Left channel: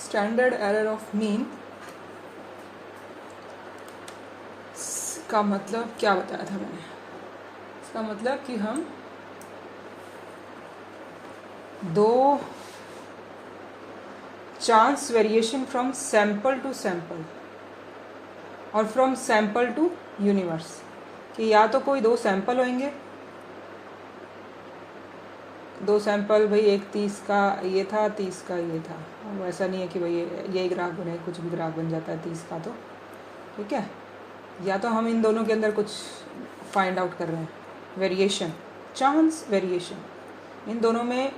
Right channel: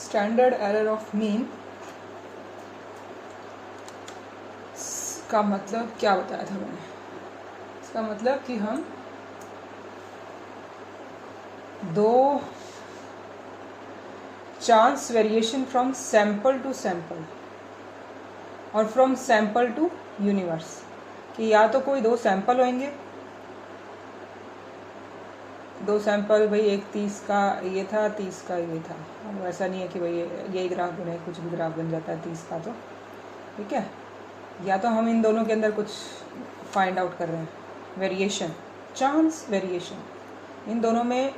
Standard error of mean का मतलब क्या बताया था मैंने? इसका मतलब कि हम दो chance variation from sample to sample और फ्रॉम सैंपल टू यूनिवर्स, कि या तो कोई दो सैंपल होंगे, दो सैंपल, भाई एक 30 का ये था, 30 का ये था। वो ऐसा नहीं है कि भाई यही ग्राफ बने, कुछ भी ग्राफ बन जाता है 30 का, तो ठीक है। या तो हम इन दोनों के अंदर कुछ फाइंड आउट कर रहे हैं, वेरिएशन, चांस वेरिएशन, इन दोनों में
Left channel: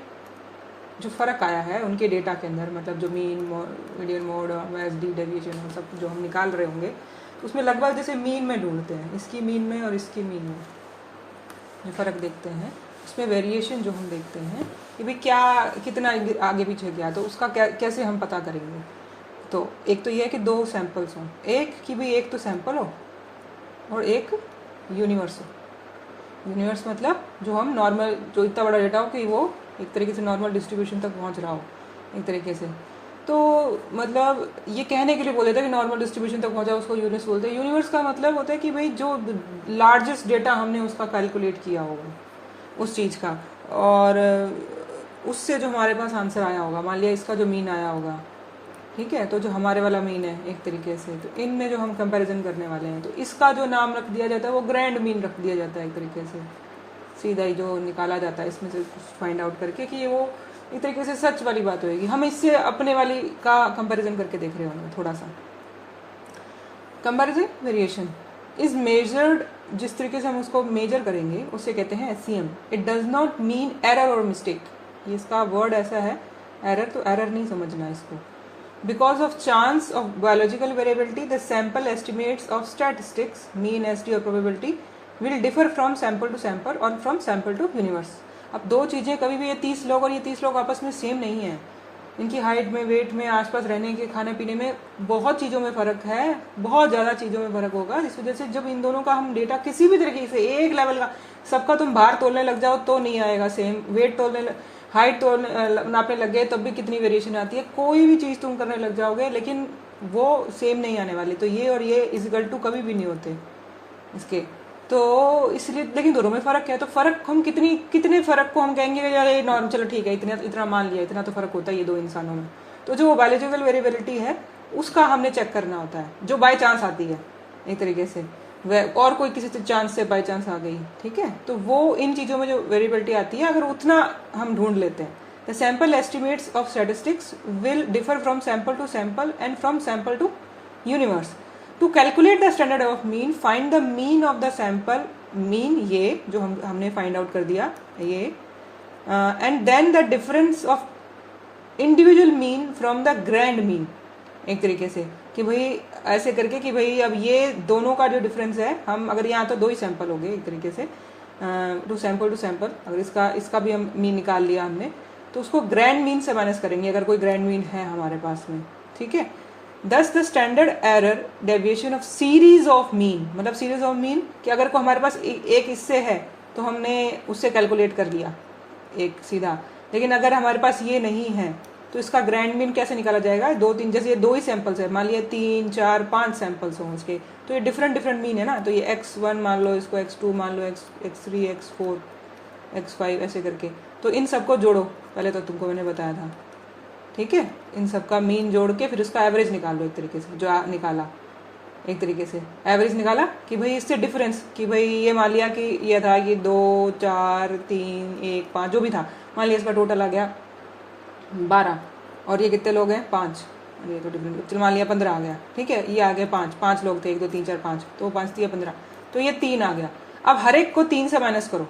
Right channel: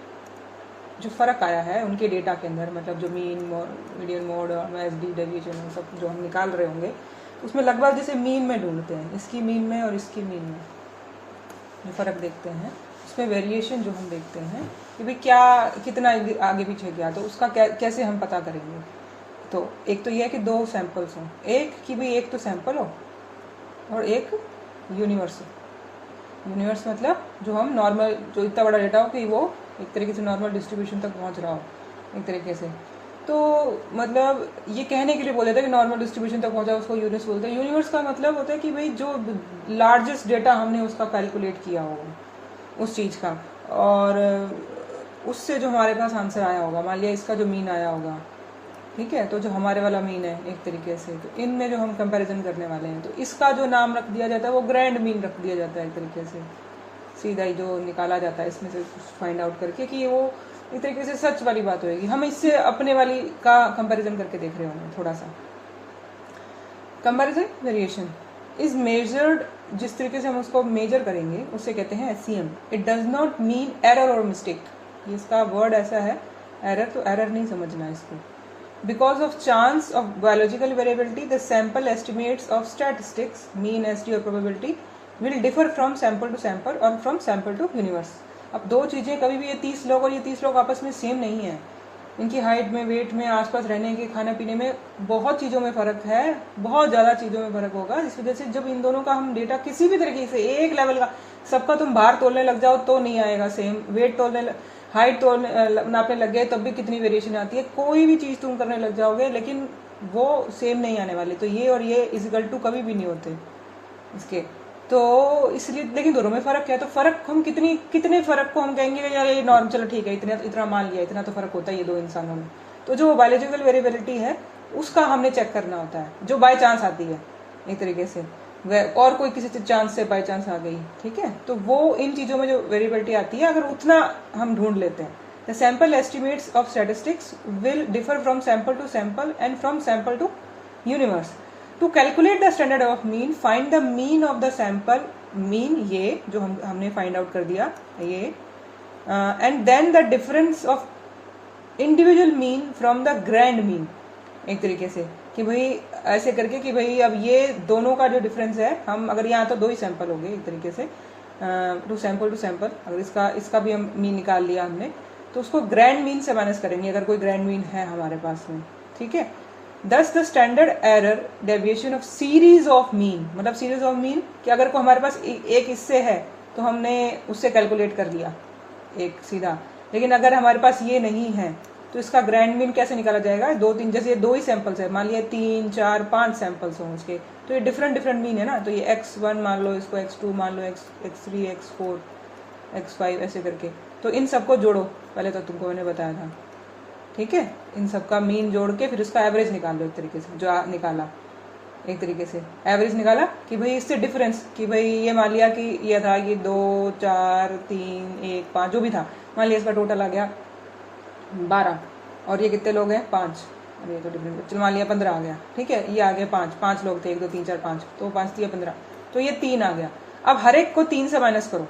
जो फ़र्क आया है उनके डेटा के अंदर, मतलब जो मीन मीडियन मोड और एस डी डेविएशन सब जो हम निकाल रहे होंगे, उसमें लगभग जैसे मीन में ढूंढते हैं, इसकी मीन में और इसकी मीन में जो फ़र्क देखते हैं, उसमें वेरिएशन जो हम देखते हैं कि भाई क्या कितना आगे पीछे गया, तो उसका कैसे हम पता करेंगे। तो एक तो यह है कि दो सैंपल्स हों, एक कि भाई एक तो सैंपल हो और एक यूनिवर्स हो। यूनिवर्स मतलब जो हम नॉर्मल, जो इतना बड़ा डेटा हो कि वो एक तरीके से नॉर्मल डिस्ट्रीब्यूशन तक पहुंच रहा हो एक तरीके से। तो मतलब ये कहने के लिए बोले थे कि नॉर्मल डिस्ट्रीब्यूशन तक पहुंचा, उसको यूनिवर्स बोलते हैं। यूनिवर्स का मतलब होता है कि भाई जो लार्जेस्ट डेटा हमने उसका कैलकुलेट किया होगा उस चीज़ का, और उससे जो हमारे पास आंसर आया होगा, मान लिया इसका जो मीन आया होगा, ठीक है, तो जो हमारे वाला मीन है एक तरीके से, तो इनमें जो हम कंपैरिजन करने वाले हैं, तो इसका जो नाम रख दिया जाता है वो ग्रैंड मीन रख दिया जाता है एक तरीके से, सीधा ही जो निकाला जाता है इसमें से फाइंड आउट करके कि वो एक तरीके से सच वाली बात होगी। हम इससे अपने वाली का कंपैरिजन करके देख रहे होंगे थोड़ा सा। कंपैरिजन वेरिएशन इज मेजर्ड, जिस तरीके से हम उसको मेजर करेंगे उसे कहते हैं SCM. It does not mean error और मिस्टेक, ये इसका वर्ड ऐसा है, एरर तो एरर नहीं समझना इसको। Because of chance of biological variability the sample estimates of statistics, mean, ST और probability will differ from sample to sample और फ्रॉम सैंपल टू यूनिवर्स। अब दो चीज़ें, कभी भी ये 30 लोग और ये 30 लोग आपस में सेम नहीं है, इनकी हाइट में, वेट में, आसपास रहने के, खाने पीने में बहुत चीज़ों में फ़र्क है, बहुत ज़्यादा चीज़ों में फ़र्क होगा। इस वजह से जब इन दोनों का हम डेटा किसी भी तरीके से एक लेवल का, सबका तुम भार तोलने लग जाओ तो नहीं आएगा सेम, वेट तोलने, हाइट तोलने नापने लग गए तब भी कितनी वेरिएशन आती है, कोई भी चीज़ तुम करने लग जाओगे लेकिन वो सेम नहीं आने वाली। तो ये और ये इक्वल टू कभी भी नहीं होते इसके, तो इसलिए, लेकिन दोनों में फ़र्क है। तो फ़र्क हम कितने फ़र्क को हम कहेंगे यार ये नॉर्म, चलो ठीक है, इतना मान लिया, इतना तो फ़र्क होता है ये दो इंसानों में। तो जो बायोलॉजिकल वेरिएबिलिटी है उसका हमने चेक करना होता है, जो बाय चांस आती है एक तरीके से, और कोई किसी चांस से बाय चांस आ गई, ठीक है, तो वो इन चीज़ों में जो वेरिएबिलिटी आती है, अगर उतना हम ढूंढ लेते हैं, the sample estimates of statistics will differ from sample to sample and from sample to universe. To calculate the standard of mean, find the mean of the sample, mean ये जो हमने फाइंड आउट कर दिया ये, and then the difference of individual mean from the grand mean, एक तरीके से कि भाई ऐसे करके कि भाई अब ये दोनों का जो डिफरेंस है, हम अगर यहाँ तो दो ही सैंपल हो गए एक तरीके से, टू सैंपल, अगर इसका भी हम मीन निकाल लिया हमने, तो उसको ग्रैंड मीन से माइनस करेंगे अगर कोई ग्रैंड मीन है हमारे पास में, ठीक है। दस the standard error deviation of series of mean, मतलब सीरीज ऑफ मीन कि अगर को हमारे पास एक इससे है तो हमने उससे कैलकुलेट कर लिया एक सीधा, लेकिन अगर हमारे पास ये नहीं है तो इसका ग्रैंड मीन कैसे निकाला जाएगा, दो तीन, जैसे ये दो ही सैंपल्स है, मान लिया 3 4 5 सैंपल्स हों इसके, तो ये डिफरेंट मीन है ना, तो ये x1 मान लो, इसको x2 मान लो, x3 x4 x5 ऐसे करके, तो इन सबको जोड़ो, पहले तो तुमको मैंने बताया था, ठीक है, इन सबका मीन जोड़ के फिर उसका एवरेज निकाल लो एक तरीके से, जो निकाला एक तरीके से एवरेज निकाला कि भाई इससे डिफरेंस, कि भाई ये मान लिया कि ये था ये 2 4 3 1 5 जो भी था, मान लिया इसका टोटल आ गया 12, और ये कितने लोग हैं 5, और ये तो डिफरेंट, चलो मान लिया 15 आ गया, ठीक है, ये आ गए 5 लोग थे, 1 2 3 4 5, तो 5 दिया 15, तो ये 3 आ गया। अब हर एक को 3 से माइनस करो,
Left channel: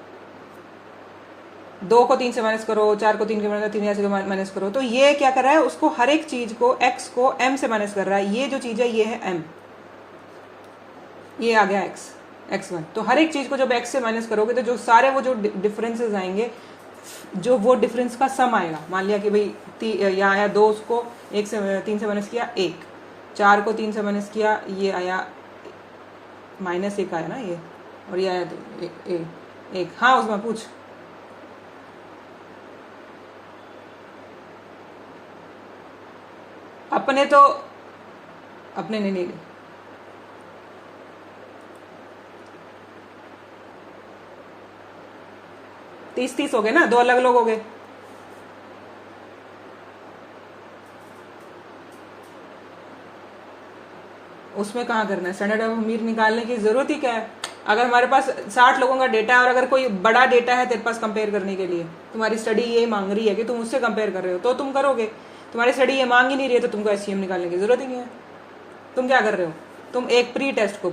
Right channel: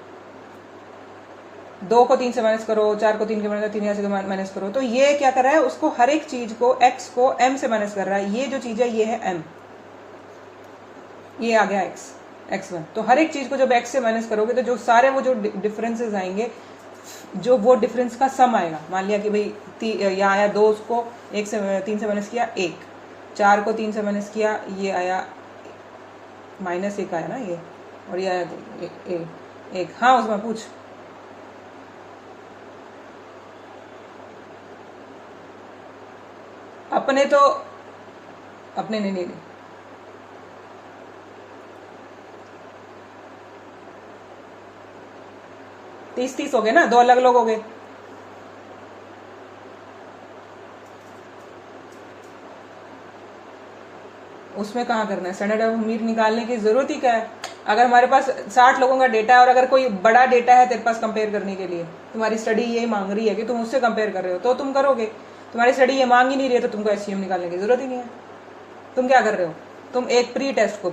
2 को 3 से माइनस करो, 4 को 3 के माइनस, 3 से माइनस करो, तो ये क्या कर रहा है, उसको हर एक चीज को x को m से माइनस कर रहा है, ये जो चीज है ये है m, ये आ गया x1। तो हर एक चीज को जब x से माइनस करोगे तो जो सारे वो जो डिफरेंसेस आएंगे, जो वो डिफरेंस का सम आएगा, मान लिया कि भाई यहाँ आया 2, उसको 3 से माइनस किया 1, 4 को 3 से माइनस किया, ये आया -1 आया ना ये, और ये आया 1। हाँ उसमें पूछ, अपने तो अपने नहीं 30 हो गए ना, 2 अलग अलग हो गए। उसमें कहाँ करना है, स्टैंडर्ड ऑफ मीन निकालने की जरूरत ही क्या है। अगर हमारे पास 60 लोगों का डेटा है और अगर कोई बड़ा डेटा है तेरे पास कंपेयर करने के लिए, तुम्हारी स्टडी ये मांग रही है कि तुम उससे कंपेयर कर रहे हो तो तुम करोगे। तुम्हारी स्टडी ये मांग ही नहीं रही है तो तुमको एससीएम निकालने की जरूरत ही नहीं है। तुम क्या कर रहे हो, तुम एक प्री टेस्ट को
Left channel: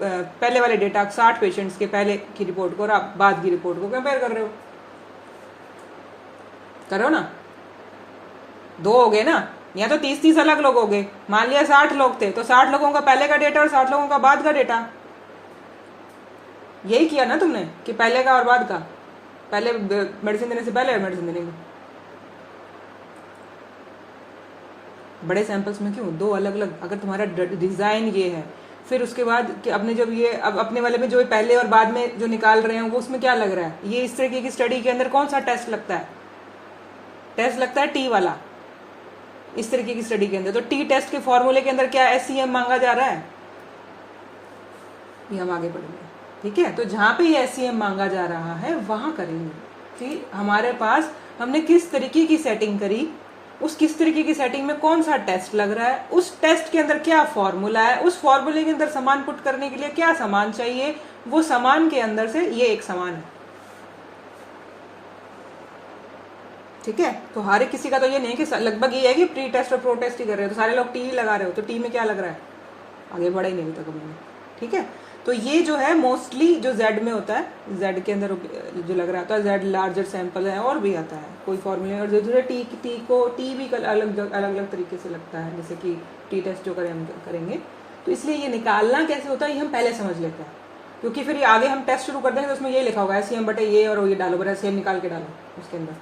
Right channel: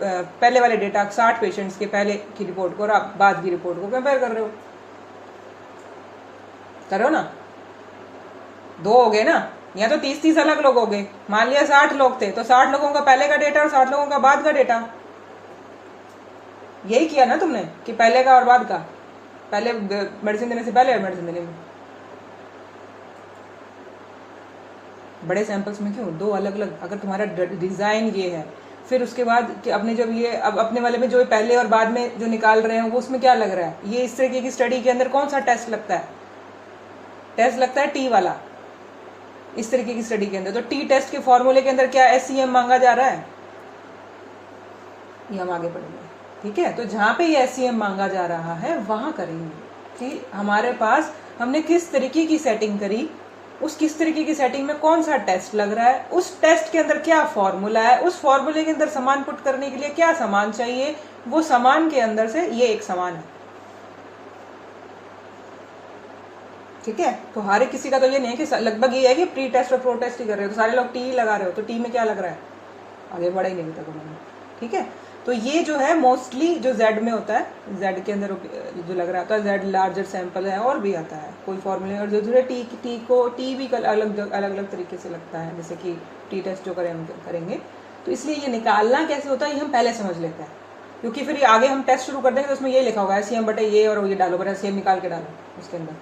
पहले वाले डेटा 60 पेशेंट्स के पहले की रिपोर्ट को और बाद की रिपोर्ट को कंपेयर कर रहे हो। कर रहे हो ना, 2 हो गए ना, या तो 30 अलग लोग हो गए। मान लिया 60 लोग थे तो 60 लोगों का पहले का डेटा और 60 लोगों का बाद का डेटा। यही किया ना तुमने कि पहले का और बाद का, पहले मेडिसिन देने से पहले और मेडिसिन देने में। बड़े सैंपल्स में क्यों 2 अलग अलग, अगर तुम्हारा डिजाइन ये है, फिर उसके बाद कि अपने जब ये अब अपने वाले में जो पहले और बाद में जो निकाल रहे हैं वो उसमें क्या लग रहा है, ये इस तरीके की स्टडी के अंदर कौन सा टेस्ट लगता है, टेस्ट लगता है टी वाला। इस तरीके की स्टडी के अंदर तो टी टेस्ट के फॉर्मूले के अंदर क्या एससीएम मांगा जा रहा है, ये हम आगे पढ़ेंगे। ठीक है, तो जहां पे ये एससीएम मांगा जा रहा है वहां करेंगे कि हमारे पास हमने किस तरीके की सेटिंग करी, उस किस तरीके की सेटिंग में कौन सा टेस्ट लग रहा है, उस टेस्ट के अंदर क्या फॉर्मूला है, उस फॉर्मूले के अंदर सामान पुट करने के लिए क्या सामान चाहिए, वो सामान के अंदर से ये एक सामान है। ठीक है, तो हर एक किसी का तो ये नहीं कि लगभग ये है कि प्री टेस्ट और प्रो टेस्ट ही कर रहे हो तो सारे लोग टी ही लगा रहे हो, तो टी में क्या लग रहा है, आगे बढ़े नहीं अभी तक उन्होंने। ठीक है, तो ये जो है मोस्टली जो जेड में होता है, जेड के अंदर जो लग रहा था, जेड लार्जर सैंपल है और भी आता है कोई फॉर्मूले, और जो टी को टी भी अलग अलग तरीके से लगता है, जैसे कि टी टेस्ट जो करेंगे। तो इसलिए ये निकालना कैसे होता है ये हम पहले समझ लेते हैं, क्योंकि फिर आगे हम टेस्ट शुरू कर देंगे तो उसमें ये लिखा होगा एससीएम बटे ये और ये डालो, बड़ा एससीएम निकाल के डालो उसके अंदर।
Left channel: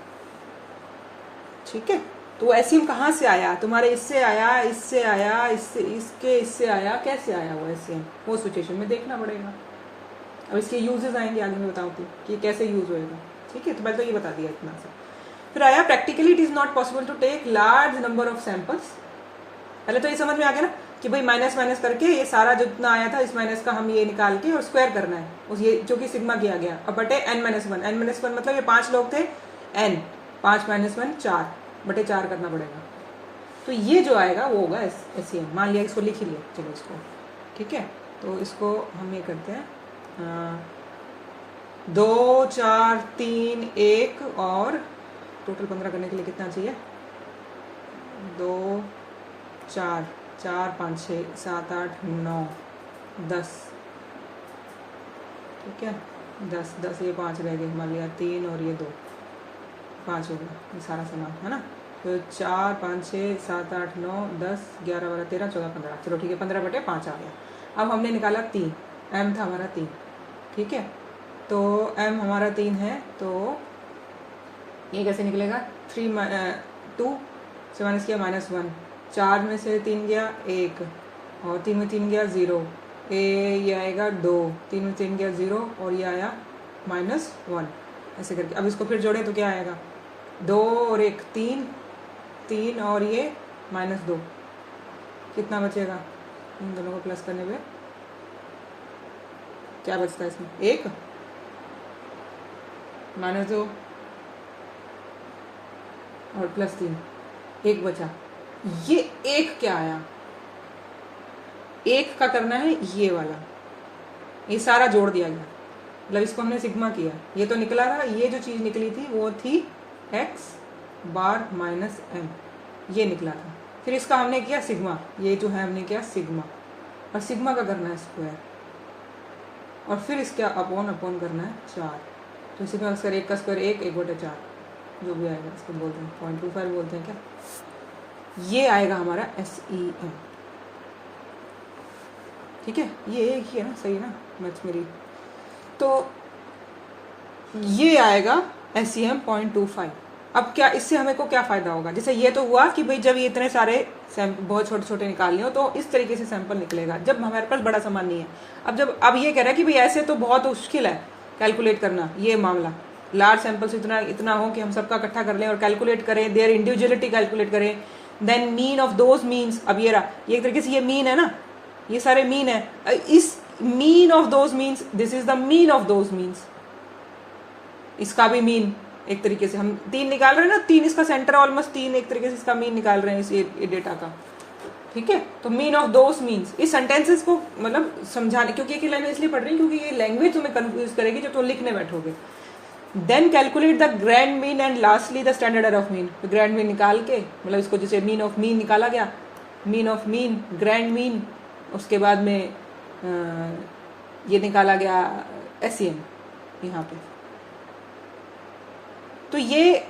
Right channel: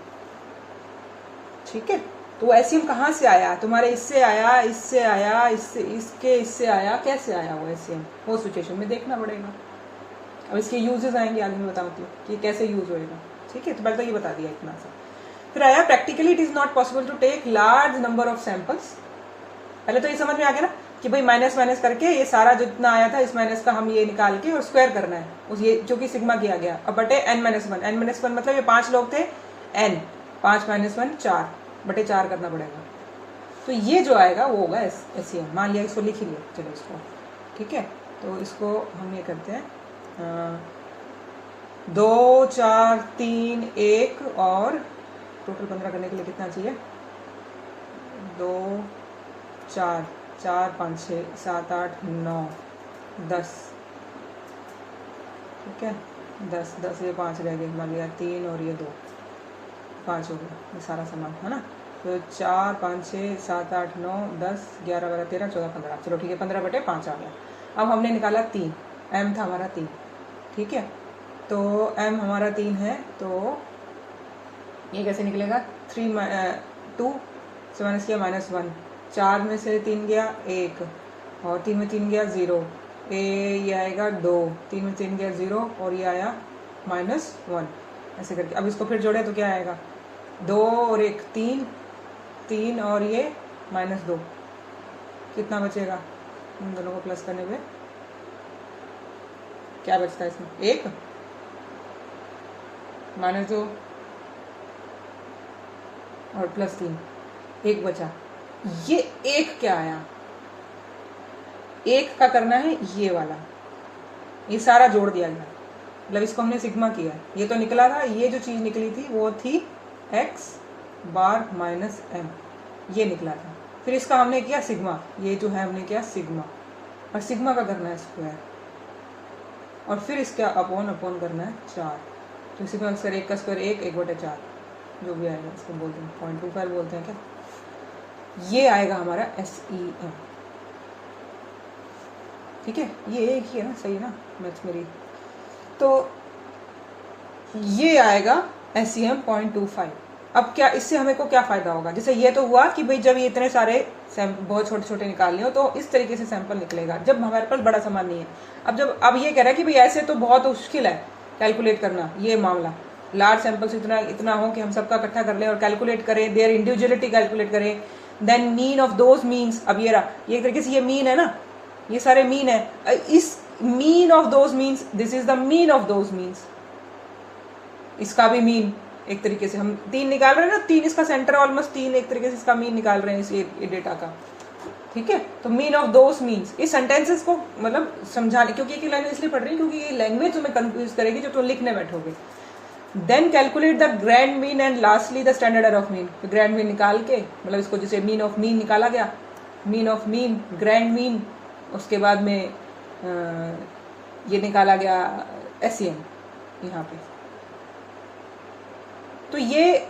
ठीक है, तो एससीएम कहाँ से आया, तुम्हारे इससे आया, इससे आया, इससे आया, कैसे आया वो एससीएम, वो सिचुएशन में देखना पड़ेगा। अब इसके यूजेस आएंगे आगे मैं बताती हूँ कि कैसे यूज होएगा। ठीक है, तो पहले तो ये बता दिया इतना से। फिर आया practically it is not possible to take large number of samples. पहले तो ये समझ में आ गया ना कि भाई माइनस माइनस करके ये सारा जितना आया था इस माइनस का हम ये निकाल के और स्क्वायर करना है उस ये जो कि सिग्मा किया गया, अब बटे n-1। n-1 मतलब ये 5 लोग थे, n 5 - 1 4 बटे 4 करना पड़ेगा। तो ये जो आएगा वो होगा एससीएम। मान लिया इसको लिख ही लिया, चलो इसको। ठीक है, तो इसको हम ये करते हैं 2 4 3 1 और टोटल 15 करने के लिए कितना चाहिए, 2 4 4 5 6 7 8 9 10। ठीक है, 10 ये 5 रह गए, मान लिया 3 और ये 2 5 हो गया, ये सारा सामान है ना। तो 4 5 6 7 8 9 10 11 12 13 14 15, चलो ठीक है 15 बटे 5 आ गया। अब हमने निकाला 3, m था हमारा 3। ठीक है, तो m हमारा 3 है, तो ये कैसे निकलेगा, 2 से माइनस किया -1, 4 में से 3 गया 1 और 3 में 3 गया 0, ये आएगा 2, 3 में 3 गया 0 और ये आया -1, ऐसे करके। अब इसको फिर जोड़े तो क्या आएगा, 2 और 1 3 और ये -2, कितना बचेगा, इन दोनों को प्लस करने पे क्या बचता है इसमें, 1 -2 और +3, 1 बचा। ये 1 क्या आया, 1 का करना है ये वाला, ये सारा जोड़ दिया गया, मतलब इसको हमने सिग्मा किया। ये तो निकला था, ये जो चीज निकली थी वो थी x बार माइनस m, ये निकला था। फिर इसका हमने किया सिग्मा, ये जो है हमने किया सिग्मा, और सिग्मा का करना है स्क्वायर, और फिर इसका अपॉन करना है 4। तो इसी में अक्सर 1 का स्क्वायर 1/4 जो भी आएगा, इसको बोलते हैं 0.25 बोलते हैं क्या, ये आएगा हमारा SEM। ठीक है, ये एक ही है ना, सही ना मैथ्स मेरी। तो ये आएगा SEM 0.25। अब क्या इससे हमें को क्या फायदा होगा, जैसे ये तो हुआ कि भाई जब ये इतने सारे बहुत छोटे छोटे निकाल लिए हो तो इस तरीके से सैंपल निकलेगा जब हमारे पास बड़ा सामान नहीं है। अब ये कह रहा है कि भाई ऐसे तो बहुत मुश्किल है कैलकुलेट करना, ये मामला लार्ज सैंपल से इतना हो कि हम सबका इकट्ठा कर लें और कैलकुलेट करें, देयर इंडिविजुअलिटी कैलकुलेट करें, then mean of those means, अब ये रहा, ये एक तरीके से ये मीन है ना, ये सारे मीन है, इस mean of those means, this is the mean of those means, इसका भी मीन एक तरीके से हम 3 निकाल रहे हैं ना, 3 इसका सेंटर ऑलमोस्ट 3 एक तरीके से इसका मीन निकाल रहे हैं इस डेटा का, ठीक है। तो मीन ऑफ दोस मीन्स, इस सेंटेंसेस को मतलब समझाने, क्योंकि ये लैंग्वेज इसलिए पढ़ रही हूँ क्योंकि ये लैंग्वेज तुम्हें कंफ्यूज करेगी जब तुम लिखने बैठोगे। Then calculate the grand mean and lastly the standard error of mean, तो ग्रैंड मीन निकाल के, मतलब इसको जैसे मीन ऑफ मीन निकाला गया, mean of mean, grand mean, उसके बाद में ये निकाला गया SEM यहाँ पे। तो ये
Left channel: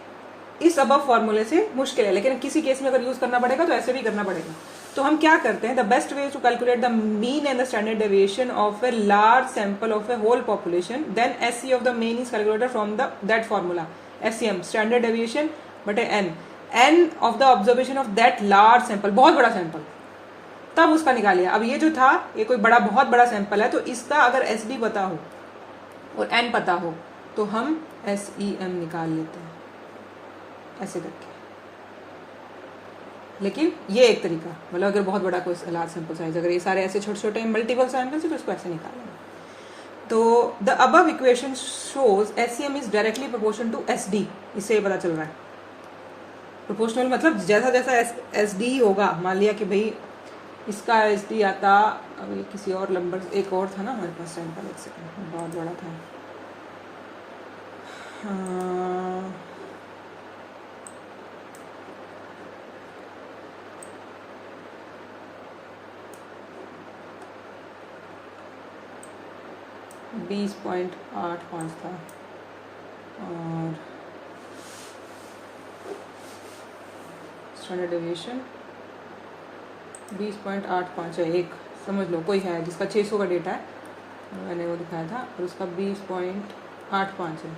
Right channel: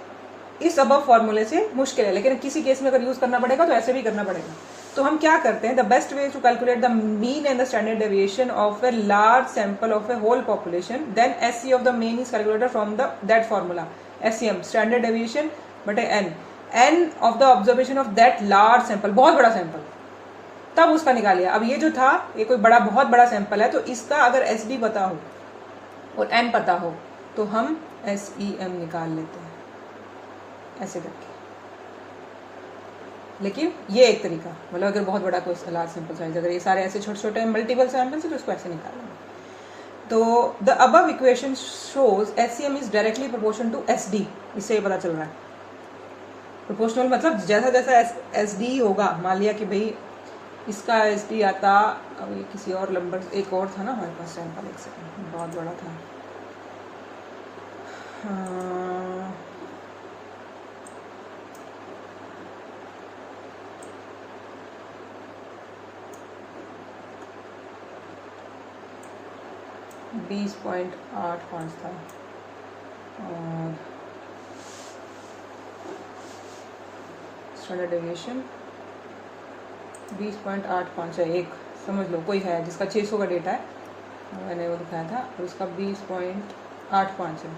इस अबव फॉर्मूले से मुश्किल है, लेकिन किसी केस में अगर यूज करना पड़ेगा तो ऐसे भी करना पड़ेगा। तो हम क्या करते हैं, the best way to calculate the mean and the standard deviation of a large sample of a whole population, then SC of the mean is calculated from that formula, SEM standard deviation बटे n of the observation of that large sample, बहुत बड़ा sample, तब उसका निकालिए। अब ये जो था, ये कोई बड़ा बहुत बड़ा सैंपल है, तो इसका अगर SD पता हो और n पता हो तो हम SEM निकाल लेते हैं ऐसे करके। लेकिन ये एक तरीका, मतलब अगर बहुत बड़ा कोई लार्ज सैंपल साइज, अगर ये सारे ऐसे छोटे छोटे मल्टीपल सैंपल्स है तो उसको ऐसे निकालेंगे। तो the above equation shows SEM is directly proportional to SD, इससे ये पता चल रहा है। प्रोपोर्शनल मतलब जैसा जैसा SD होगा, मान लिया कि भाई इसका SD आता, अब ये किसी और नंबर, एक और था ना हमारे पास सैंपल, एक सेकंड, बहुत बड़ा था, 20.85 था, और स्टैंडर्ड डेविएशन 20.85 है, एक समझ लो कोई है जिसका 600 का डेटा है, मैंने वो दिखाया था, और उसका 20.85 है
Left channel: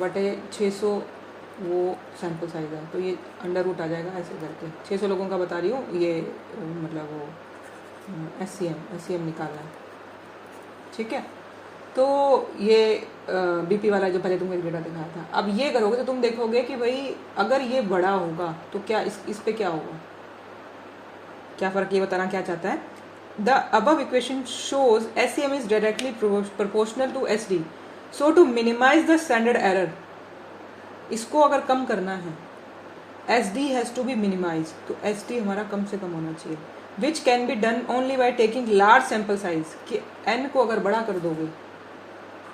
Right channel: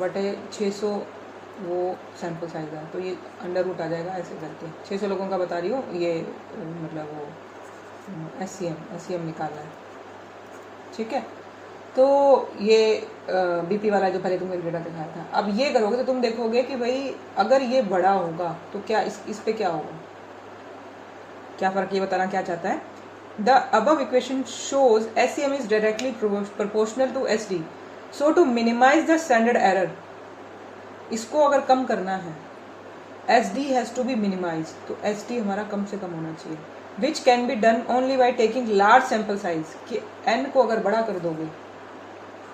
बटे 600 वो सैंपल साइज है, तो ये अंडर रूट आ जाएगा ऐसे करके। 600 लोगों का बता रही हूँ, ये मतलब वो SEM निकालना है, ठीक है। तो ये BP वाला जो पहले तुमने डेटा दिखाया था, अब ये करोगे तो तुम देखोगे कि भाई अगर ये बड़ा होगा तो क्या इस पे क्या होगा, क्या फर्क, ये बताना क्या चाहता है। The above equation shows SEM is directly proportional to SD, so to minimise the standard error, इसको अगर कम करना है SD has to be minimise, तो SD हमारा कम से कम होना चाहिए, which can be done only by taking large sample size, कि n को अगर बड़ा कर दोगे,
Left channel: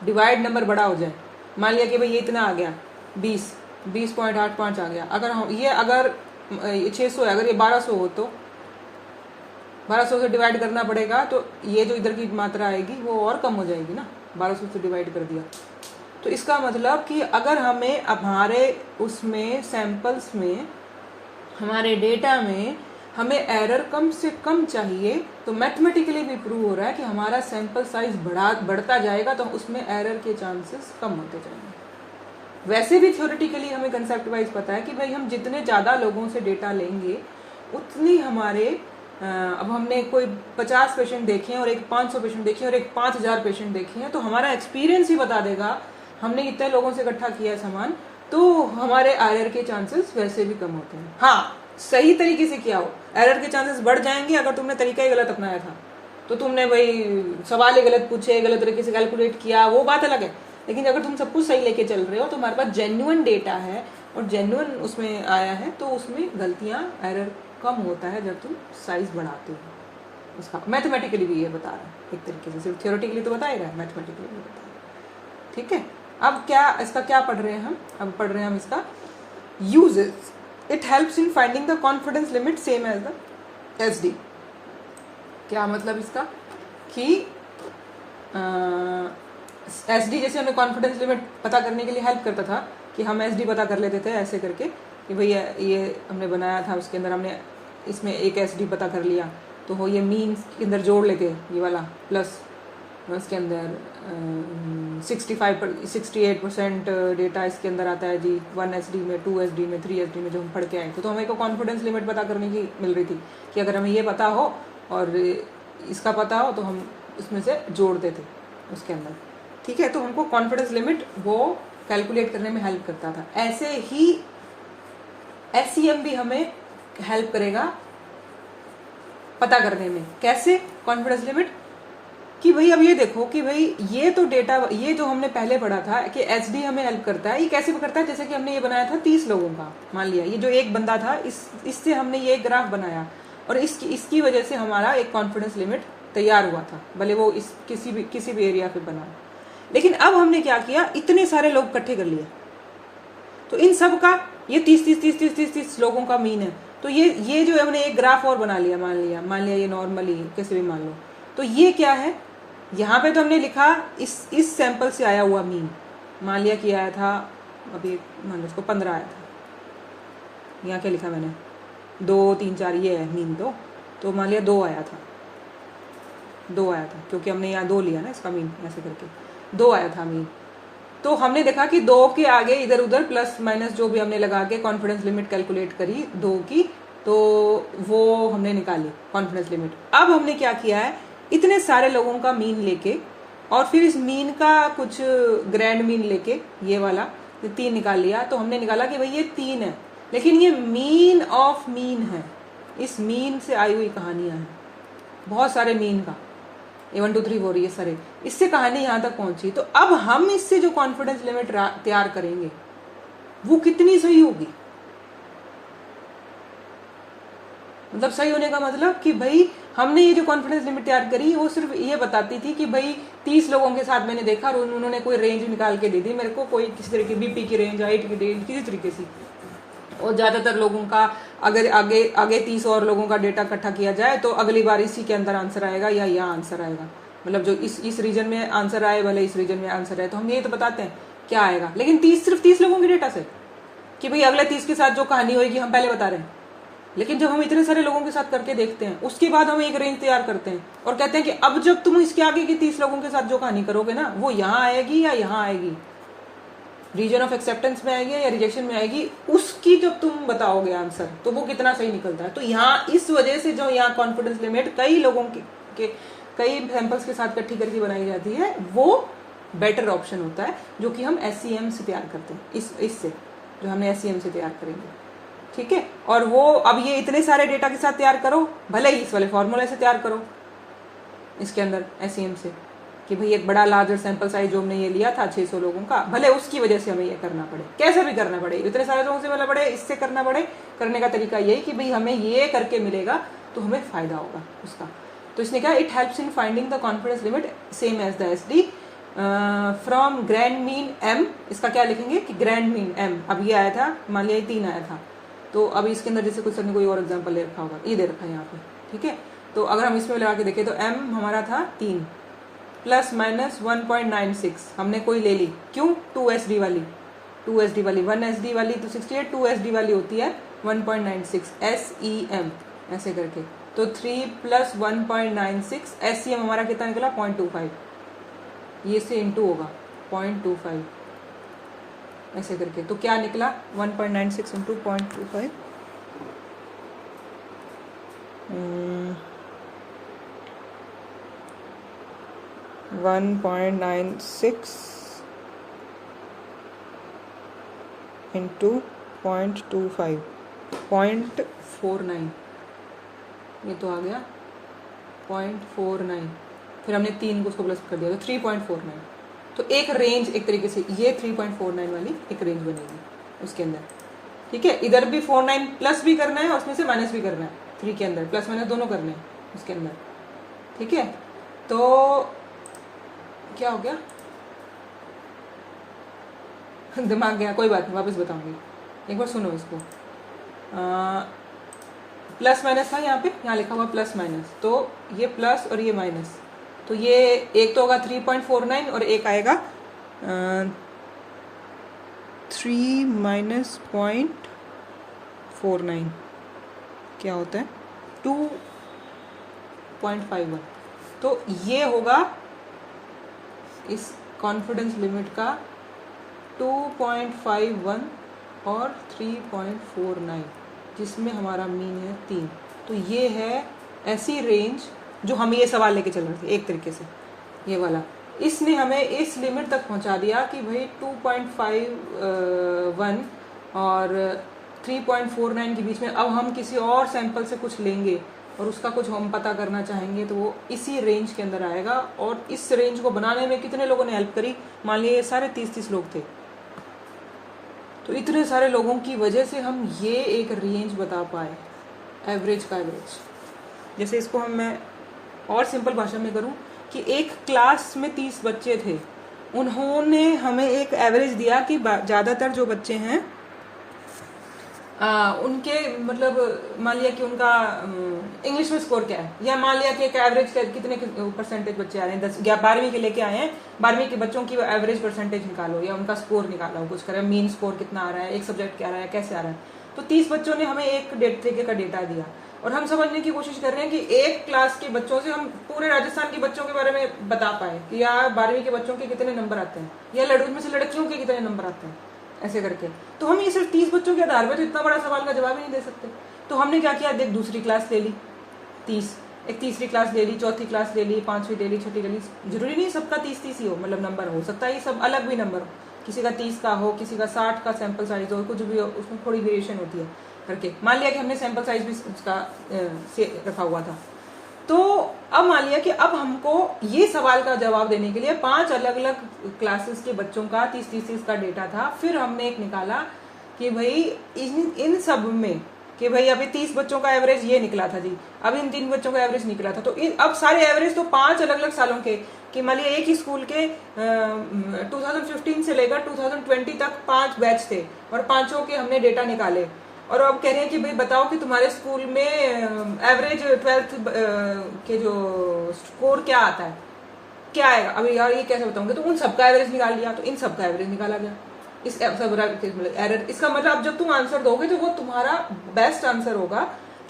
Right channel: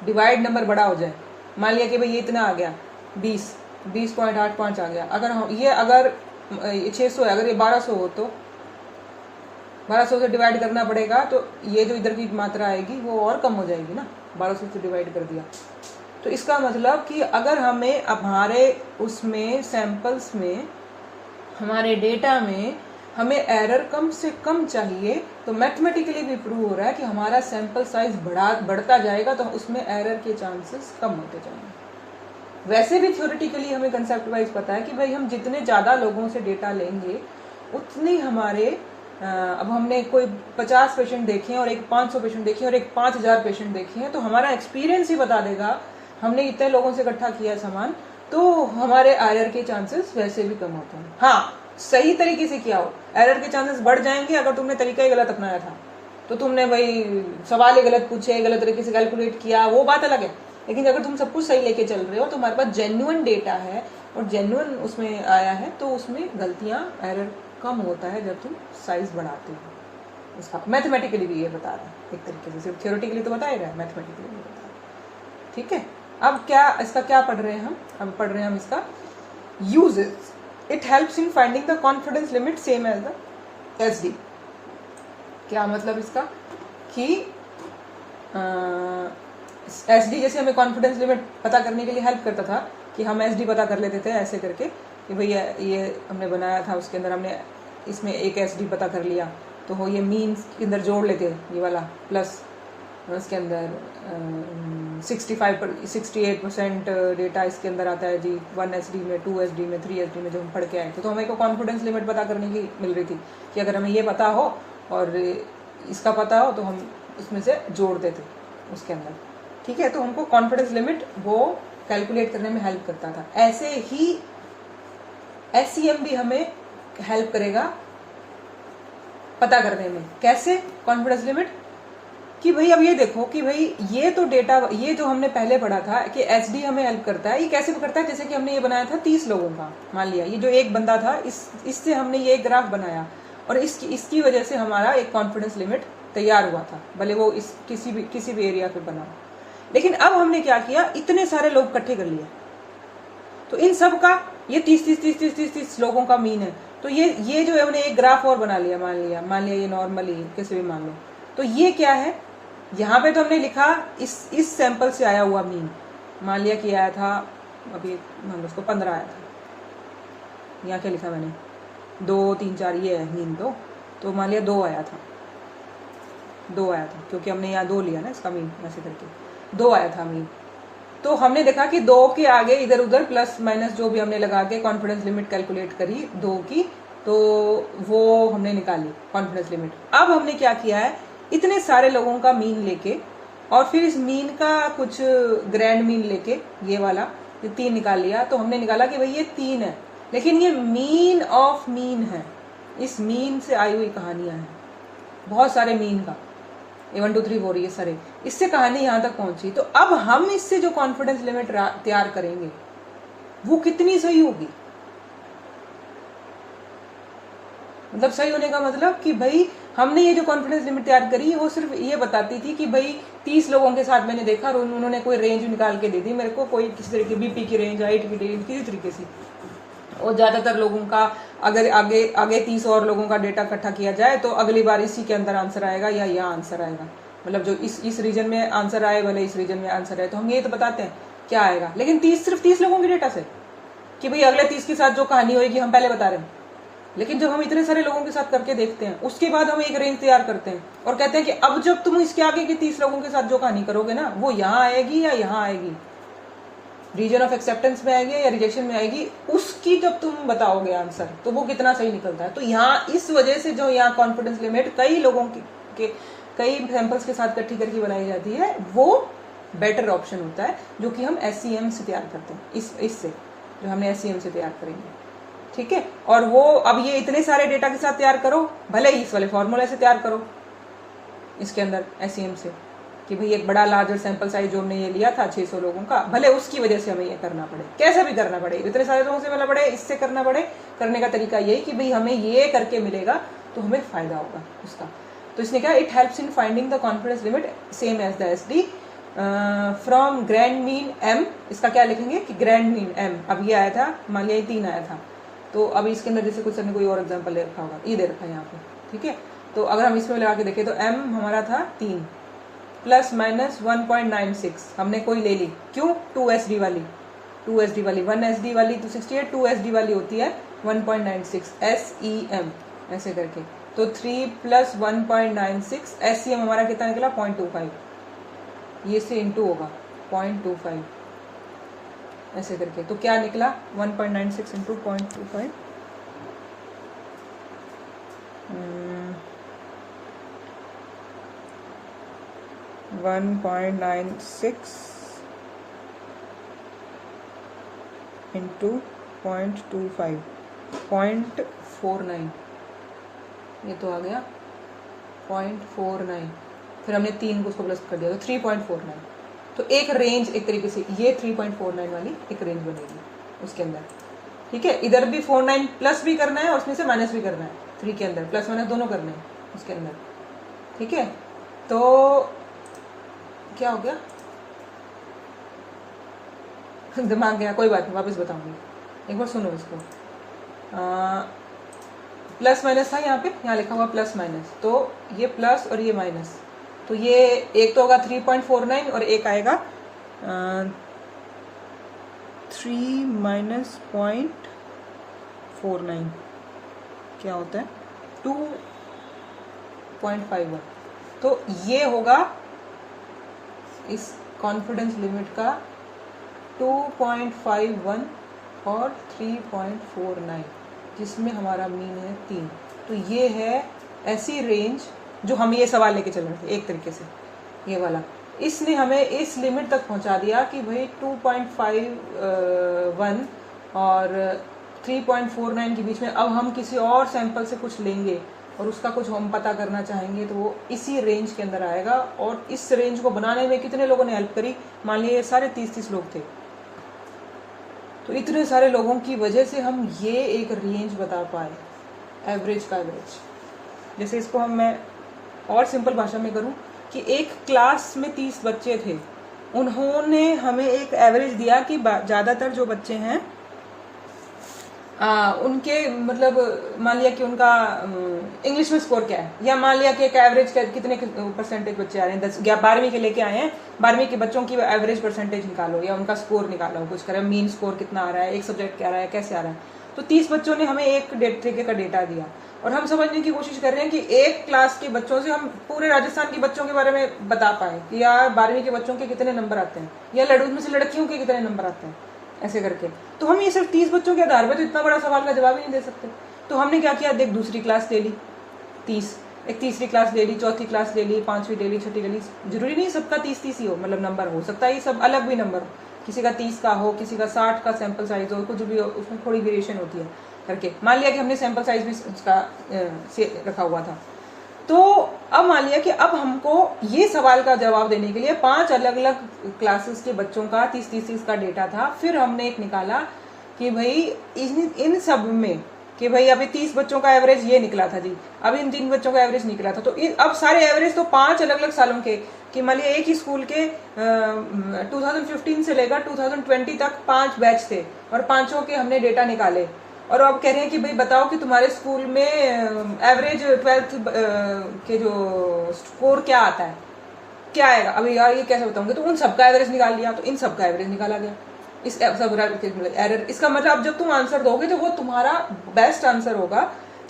डिवाइड नंबर बड़ा हो जाए, मान लिया कि भाई ये इतना आ गया 20.85 आ गया, अगर हम ये अगर 600 है, अगर ये 1200 हो तो 1200 से डिवाइड करना पड़ेगा, तो ये जो इधर की मात्रा आएगी वो और कम हो जाएगी ना, 1200 से डिवाइड कर दिया। तो इसका मतलब कि अगर हमें हमारे उसमें सैंपल्स में, हमारे डेटा में हमें एरर कम से कम चाहिए, तो मैथमेटिकली भी प्रूव हो रहा है कि हमारा सैंपल साइज बढ़ता जाएगा तो उसमें एरर के चांसेस कम होते जाएंगे। वैसे भी थ्योरेटिकली हमें कंसेप्ट वाइज पता है कि भाई हम जितने ज़्यादा लोगों से डेटा लेंगे उतनी हमारे, अब हमने कोई 50 पेशेंट देखे हैं और एक 500 पेशेंट देखे हैं और एक 5000 पेशेंट देखे हैं, तो हमारा एक्सपीरियंस ही बता देगा, हमने इतने लोगों से इकट्ठा किया है सामान, तो हमारे एरर के चांसेस वैसे भी कम होते हैं। हाँ, सही तरीके से किया हो, एरर के चांसेस बढ़ जाएंगे अगर तुमने तरीका ही गलत अपनाया था, तो तुमने भाई सवाल ही गलत पूछे, गलत तरीके से कैलकुलेट किया, वो बात अलग है। लेकिन अगर तुम सब कुछ सही लेके चल रहे हो, तो हमारे पास जेन्युइन डेटा है और जेन्युइन उसमें आया है, तो उसमें गलतियां, एरर कम होता है जब तुम साइज बढ़ाते हो। इसका मैथमेटिकली भी ये बता रहा है एक तरीके से, सिर्फ थ्योरेटिकली तो बताएगा, मैथमेटिकली भी बता रहा है, ठीक है। अब क्या इसका क्या पढ़ रहे हैं हम, अब पढ़ रहे हैं हम इसका uses. It helps in finding the confidence limit same as the SD। क्या मतलब इसका कि SD जैसे हमें कॉन्फिडेंस लिमिट पता करने के लिए हेल्प करता था कि हम SD पता कर लेते थे ऐसे करके कि भाई ये हमने बनाया था, उसके अंदर हमने इसमें एक SD पता कर लिया, तो वो ये मीन्स के अंदर जोड़ लेते, ये वाला प्लस इसके अंदर 68% डेटा इसके अंदर आता है जी, 1 SD में, 2 SD में, 3 SD में, जो हम पढ़ के आए थे। तो हमें को कॉन्फिडेंस लिमिट पता करने की मिल रही थी कि अगर हमें ये पता हो और इसका पता हो तो हम इसमें से जोड़ते थे उसके अंदर, ठीक है। तो हमको कॉन्फिडेंस लिमिट वो कैलकुलेट करने में हेल्प करता था। ऐसे ही SEM भी हमें हेल्प करेगा पता करने में। कैसे? कॉन्फिडेंस लिमिट कि भाई अब ये देखो कि भाई ये तो डेटा, ये जो हमने पहले पढ़ा था कि एचडी हमें हेल्प करता है, ये कैसे करता है? जैसे कि हमने ये बनाया था 30 लोगों का, मान लिया ये जो एक बंदा था, इससे हमने ये ग्राफ बनाया और इसकी वजह से हमारा एक कॉन्फिडेंस लिमिट तैयार हुआ था, भले वो इस किसी भी एरिया पे बना। लेकिन अब हमने क्या किया, इतने सारे लोग इकट्ठे कर लिया, तो इन सब का ये 30 लोगों का मीन है। तो ये जो हमने एक ग्राफ और बना लिया, मान लिया ये नॉर्मली कैसे भी मान लो, तो ये क्या है, यहाँ पे तो हमने लिखा इस सैंपल से आया हुआ मीन, मान लिया कि आया था, अभी मान लो उसको 15 आया था, यहाँ क्या लिखा मैंने 2 3 4 ये है मीन, तो मान लिया 2 आया था, क्योंकि हमने यहाँ 2 लिया ना इसका मीन, ऐसे करके 2 आया था मीन। तो हमने देखा कि 2 के आगे इधर उधर प्लस माइनस जो भी हमने लगा के कॉन्फिडेंस लिमिट कैलकुलेट करी 2 की, तो वो हमने निकाली कॉन्फिडेंस लिमिट। अब हमने क्या किया है, इतने सारे लोगों का मीन लेके और फिर इस मीन का कुछ ग्रैंड मीन लेके ये वाला 3 निकाल लिया। तो हमने निकाला कि भाई ये 3 है, लेकिन ये मीन ऑफ मीन है, इस मीन से आई हुई कहानियां हैं, बहुत सारे मीन का 1 2 3 4 ये सारे, इससे कहानी यहां तक पहुंची। तो अब हम इससे जो कॉन्फिडेंस लिमिट तैयार करेंगे वो कितनी सही होगी, मतलब सही होने का मतलब कि भाई हमने ये जो कॉन्फिडेंस लिमिट तैयार करी वो सिर्फ ये बताती थी कि भाई 30 लोगों के साथ मैंने देखा और उन्होंने कोई रेंज निकाल के दी थी मेरे को, कोई किसी तरह की बीपी की रेंज, हाइट की रेंज, किसी तरीके से, और ज्यादातर लोगों का अगर आगे 30 और लोगों का डेटा इकट्ठा किया जाए तो अगली बार इसी के अंदर आंसर आएगा या यहाँ आंसर आएगा, मतलब जो इस रीजन में आंसर आए भले इस रीजन में आंसर आए, तो हम ये तो बताते हैं क्या आएगा। लेकिन सिर्फ 30 लोगों के डेटा से कि भाई अगले 30 के साथ जो कहानी होगी हम पहले बता रहे हैं। लेकिन जब हम इतने सारे लोगों के साथ करके देखते हैं उसके बाद हम एक रेंज तैयार करते हैं और कहते हैं कि अब जब तुम इसके आगे के 30 लोगों के साथ जो कहानी करोगे ना वो यहाँ आएगी या यहाँ आएगी, रीजन ऑफ एक्सेप्टेंस में आएगी या रिजेक्शन में आएगी, उसकी जब तुम बताओगे आंसर तो वो कितना सही निकलता है। तो यहाँ इस वजह से जो यहाँ कॉन्फिडेंस लिमिट कई लोगों के कई सैंपल्स के साथ इकट्ठी करके बनाई जाती है वो बेटर ऑप्शन होता है, जो कि हम SCM से तैयार करते हैं, इससे जो हमने SCM से तैयार करेंगे, ठीक है। और वो अब ये इतने सारे डेटा के साथ तैयार करो, भले ही इस वाले फॉर्मूला से तैयार करो इसके अंदर SCM से, कि भाई एक बड़ा लार्जर सैंपल साइज जो हमने ये लिया था 600 लोगों का, भले उसकी वजह से हमें ये करना पड़े, कैसे भी करना पड़े, इतने सारे लोगों से वाला पड़े, इससे करना पड़े, करने का तरीका यही कि भाई हमें ये करके मिलेगा तो हमें फायदा होगा उसका। तो इसने कहा it helps in finding the confidence limit same as the SD from grand mean M। इसका क्या लिखेंगे कि ग्रैंड मीन M, अब ये आया था, मान लिया 3 आया था, तो अभी इसके अंदर जैसे कुछ सर ने कोई और एग्जांपल ले रखा होगा, ये दे रखा है यहाँ पे, ठीक है। तो अगर हम इसमें लगा के देखें तो M हमारा था 3 प्लस माइनस 1.96 हमने कोई ले ली, क्यों? 2SD वाली 1SD वाली तो 68, 2SD वाली होती है 1.96 SEM ऐसे करके, तो 3 प्लस 1.96 SEM हमारा कितना निकला 0.25, ये से इंटू होगा 0.25 ऐसे करके, तो क्या निकला 1.96 इंटू 0.25 1.96 इंटू 0.25 0.49, ये तो आ गया 0.49, फिर हमने 3 को उसको प्लस कर दिया तो 3.49, तो एक रेंज एक तरीके से ये 3.49 वाली एक रेंज बनेगी उसके अंदर, ठीक है। इधर भी 49 प्लस भी करना है और उसमें से माइनस भी करना है, 3 के अंदर प्लस माइनस दोनों करने हैं उसके अंदर, ठीक है। तो क्या हो गया दिमाग गया, कोई बात नहीं वापस बताऊंगी, एक बार सुनो इसको। प्लस माइनस था यहाँ पे, यहाँ लिखा हुआ प्लस माइनस, तो ये प्लस और ये माइनस, तो ये एक तो होगा 3.49 और एक आएगा 3 माइनस 0.49 क्या होता है 2.51, तो ये होगा इस कॉन्फिडेंस लिमिट का 2.51 और 3.49 जिसमें हमारा मीन है 3, तो ये है ऐसी रेंज जो हम ये सवाल लेके चल रहे थे एक तरीके से, ये वाला इसने हमें इस लिमिट तक पहुंचा दिया कि भाई 2.51 और 3.49 के बीच में। अब हम किसी और सैंपल से कुछ लेंगे और उसका कुछ हम पता करना चाहेंगे तो वो इसी रेंज के अंदर आएगा। और इस रेंज को बनाने में कितने लोगों ने हेल्प करी, मान लीजिए सारे 30 लोग थे, तो इतने सारे लोगों की वजह से हम ये एक रेंज बता पाए, एवरेज का एवरेज। जैसे इसको मैं और सिंपल भाषा में करूं कि एक क्लास में 30 बच्चे थे, उन्होंने हमें एक एवरेज दिया कि ज़्यादातर जो बच्चे हैं उनके मतलब मान लिया कि उनका इंग्लिश में स्कोर क्या है, या मान लिया कि एक एवरेज कितने परसेंटेज बच्चे आ रहे हैं, 10 या 12वीं के लेके आए हैं, 12वीं के बच्चों की एवरेज परसेंटेज निकालो या उनका स्कोर निकालो, कुछ करें, मीन स्कोर कितना आ रहा है, एक सब्जेक्ट क्या आ रहा है, कैसे आ रहा है। तो 30 बच्चों ने हमें एक तरीके का डेटा दिया और हम समझने की कोशिश कर रहे हैं कि एक क्लास के बच्चों से हम पूरे राजस्थान के बच्चों के बारे में बता पाए कि यार 12वीं के बच्चों के कितने नंबर आते हैं, या में से लड़कियों के कितने नंबर आते हैं, ऐसे करके। तो हम ये सिर्फ 30 बच्चों के आधार पर तो इतना बड़ा सवाल का जवाब ही नहीं दे सकते। तो हमने क्या किया, देख दूसरी क्लास ले ली 30, एक तीसरी क्लास ले ली, चौथी क्लास ले ली, 5वीं ले ली, छठी ले ली। जरूरी नहीं सबका 30 ही हो, मतलब नंबर हो सकता है ये सब अलग भी नंबर हो, किसी का 30 का हो, किसी का 60 का सैंपल साइज हो, कुछ भी हो, उसमें थोड़ी वेरिएशन होती है करके। मान लिया कि हमने सैंपल साइज भी उसका से रखा हुआ था। तो अब मान लिया कि अब हमको ये सवाल का जवाब देने के लिए 5 अलग अलग क्लासेस के बच्चों का 30 का डेटा था। फिर हमने एक निकाला कि भाई इन सब में कि भाई अभी 30 बच्चों का एवरेज ये निकला था जी, अब इन 3 बच्चों का एवरेज निकला था। तो अब सारे एवरेज तो 5 अलग अलग सालों के, कि मान लिया एक ही स्कूल के 2015 से लेकर 2020 तक 5 बैच थे और पांचों के हमने डेटा निकाले। और अब कह रहे हैं कि भाई बताओ कि तुम्हारे स्कूल में एवरेज 12th के जो स्कोर क्या आता है, क्या आएगा। अभी यार ये कैसे बताऊंगे, तो उन सबका एवरेज निकाल लिया, तो इन सबका एवरेज निकाला गया। इस एरर, इसका मतलब जब तुम आंसर दोगे तो वो तुम्हारा बेस्ट आंसर होगा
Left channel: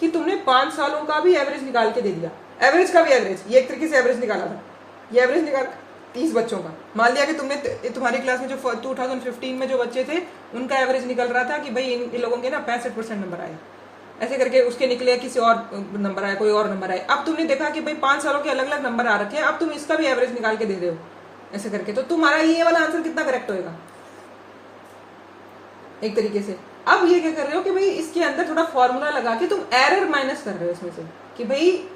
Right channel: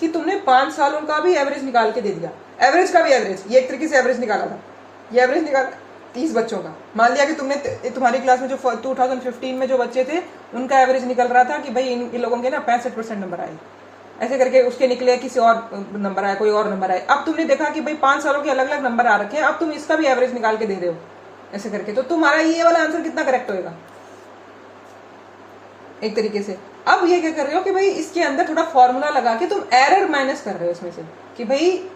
कि तुमने 5 सालों का भी एवरेज निकाल के दे दिया, एवरेज का भी एवरेज, ये एक तरीके से एवरेज निकाला था। ये एवरेज निकाल 30 बच्चों का, मान लिया कि तुमने तुम्हारी क्लास में जो 2015 में जो बच्चे थे उनका एवरेज निकल रहा था कि भाई इन लोगों के ना 65% नंबर आए, ऐसे करके उसके निकले, किसी और नंबर आया, कोई और नंबर आए। अब तुमने देखा कि भाई 5 सालों के अलग अलग नंबर आ रखे हैं, अब तुम इसका भी एवरेज निकाल के दे रहे हो ऐसे करके, तो तुम्हारा ये वाला आंसर कितना करेक्ट होगा एक तरीके से। अब ये क्या कर रहे हो कि भाई इसके अंदर थोड़ा फॉर्मूला लगा के तुम एरर माइनस कर रहे हो इसमें से, कि भाई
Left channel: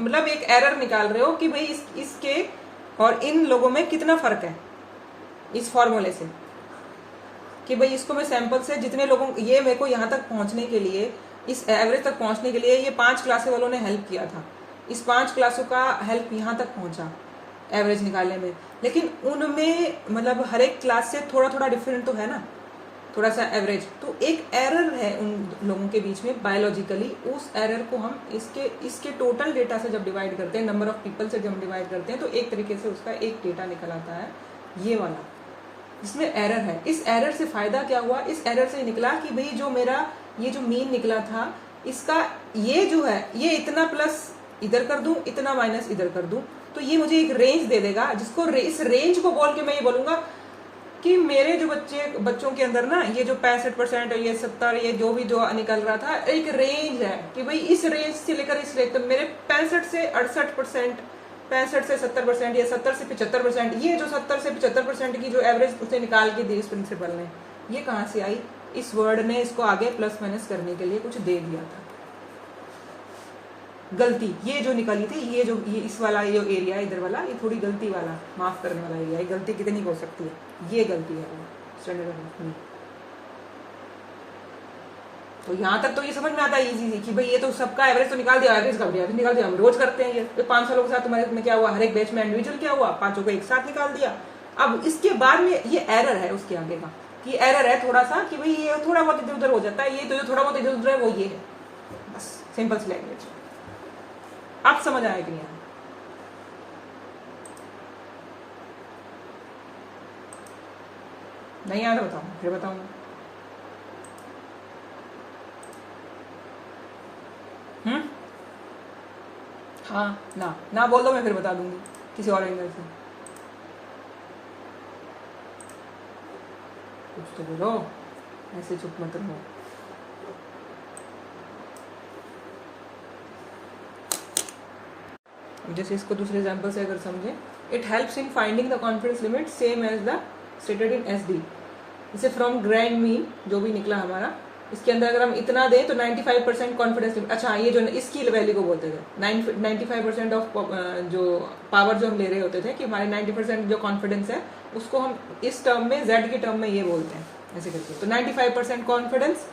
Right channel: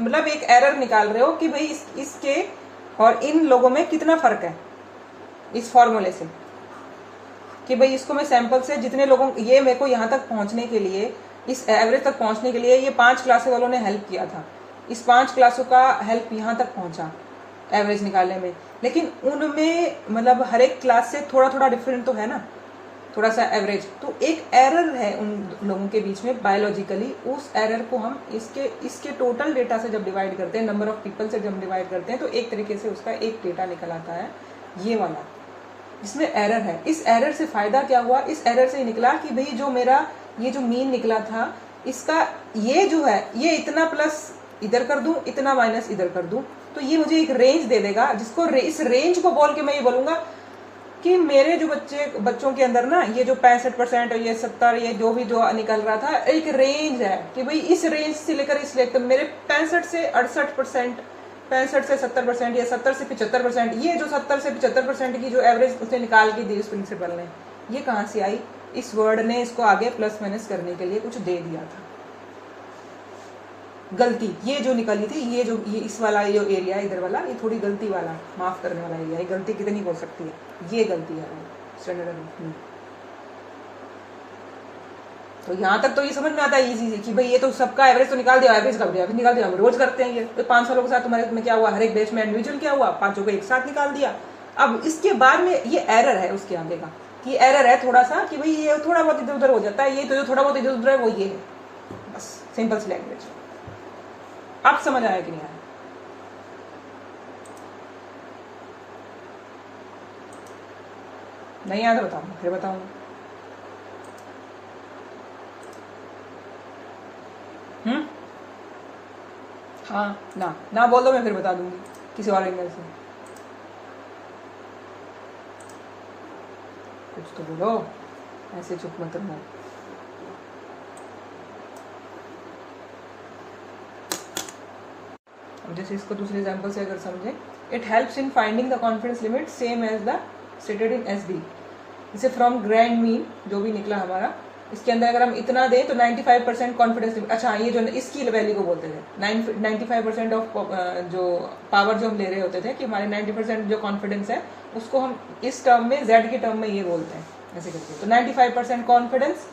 मतलब एक एरर निकाल रहे हो कि भाई इसके और इन लोगों में कितना फर्क है इस फॉर्मूले से, कि भाई इसको मैं सैंपल से जितने लोगों, ये मेरे को यहाँ तक पहुंचने के लिए, इस एवरेज तक पहुंचने के लिए ये 5 क्लासें वालों ने हेल्प किया था, इस 5 क्लासों का हेल्प यहाँ तक पहुंचा एवरेज निकालने में। लेकिन उनमें मतलब हर एक क्लास से थोड़ा थोड़ा डिफरेंट तो है ना, थोड़ा सा एवरेज, तो एक एरर है उन लोगों के बीच में बायोलॉजिकली। उस एरर को हम इसके टोटल डेटा से जब डिवाइड करते हैं, नंबर ऑफ पीपल से जब डिवाइड करते हैं, तो एक तरीके से उसका एक डेटा निकल आता है ये वाला, जिसमें एरर है। इस एरर से फायदा क्या हुआ, इस एरर से निकला कि भाई जो मेरा ये जो मीन निकला था, इसका ये जो है ये इतना प्लस इधर कर दूं, इतना माइनस इधर कर दूं, तो ये मुझे एक रेंज दे देगा, जिसको इस रेंज को बोल के मैं ये बोलूंगा कि मेरे जो बच्चों के अंदर ना ये जो 65% और ये 70, ये जो भी जो निकल रहा था, एक रेंज है कि भाई इस रेंज से लेकर इस रेंज तक मेरे 65 से 68%, 65 से 70% या 70 से 75%, ये जो 70 से 75% की जो एवरेज उसे निकाल के दी उस प्रिंसिपल ने, ये कहाँ से आई, इस वर्ड ने इसको आगे प्लस माइनस करने के लिए कुछ दे दिया था। गलती ये जो निकली थी, ये इस वाला ये एरिया इधर वाला, ये थोड़ी गलती वाला, माफ करने वाला एरिया, ये गलती कितनी हो सकती है, ये गलती है स्टैंडर्ड में। तो यहाँ तक तो ये समझ में आता है इजी कि भाई ये तो सबका एवरेज तो निकाल दिया, एवरेज का एवरेज निकाल दिया, हम रोज करते हैं ये। तो 5 सालों के साथ तुम्हारे में क्या हुआ, हर एक बैच में इंडिविजुअल क्या हुआ, 5 को एक साथ निकाल दिया। अब इसके बाद में ये एरर है उसके आगे का, कि एरर है थोड़ा सा कि भाई ये थोड़ा बहुत इधर उधर हो जाता है, ये तो जो थोड़ा बहुत इधर उधर है वो ये है, बस सिंपल सी लैंग्वेज। आप समझ आया कि नहीं आया? नहीं आया तो बताऊंगा, फिर बताऊंगा। हाँ ना बोल दो, मैं फिर बता दूंगी किसी और एंगल से। कुछ तो बोलो, ऐसे चुप मत रहो। जैसे इसको दूसरे एग्जाम्पल से अगर समझें, it helps in finding the confidence limit same as the stated in SD। इसे फ्रॉम ग्रैंड मीन जो भी निकला हमारा, इसके अंदर अगर हम इतना दें तो 95% कॉन्फिडेंस, अच्छा ये जो इसकी वैल्यू को बोलते थे 95% ऑफ जो पावर जो हम ले रहे होते थे कि हमारे 90% जो कॉन्फिडेंस है उसको हम इस टर्म में जेड की टर्म में ये बोलते हैं ऐसे करके। तो 95% कॉन्फिडेंस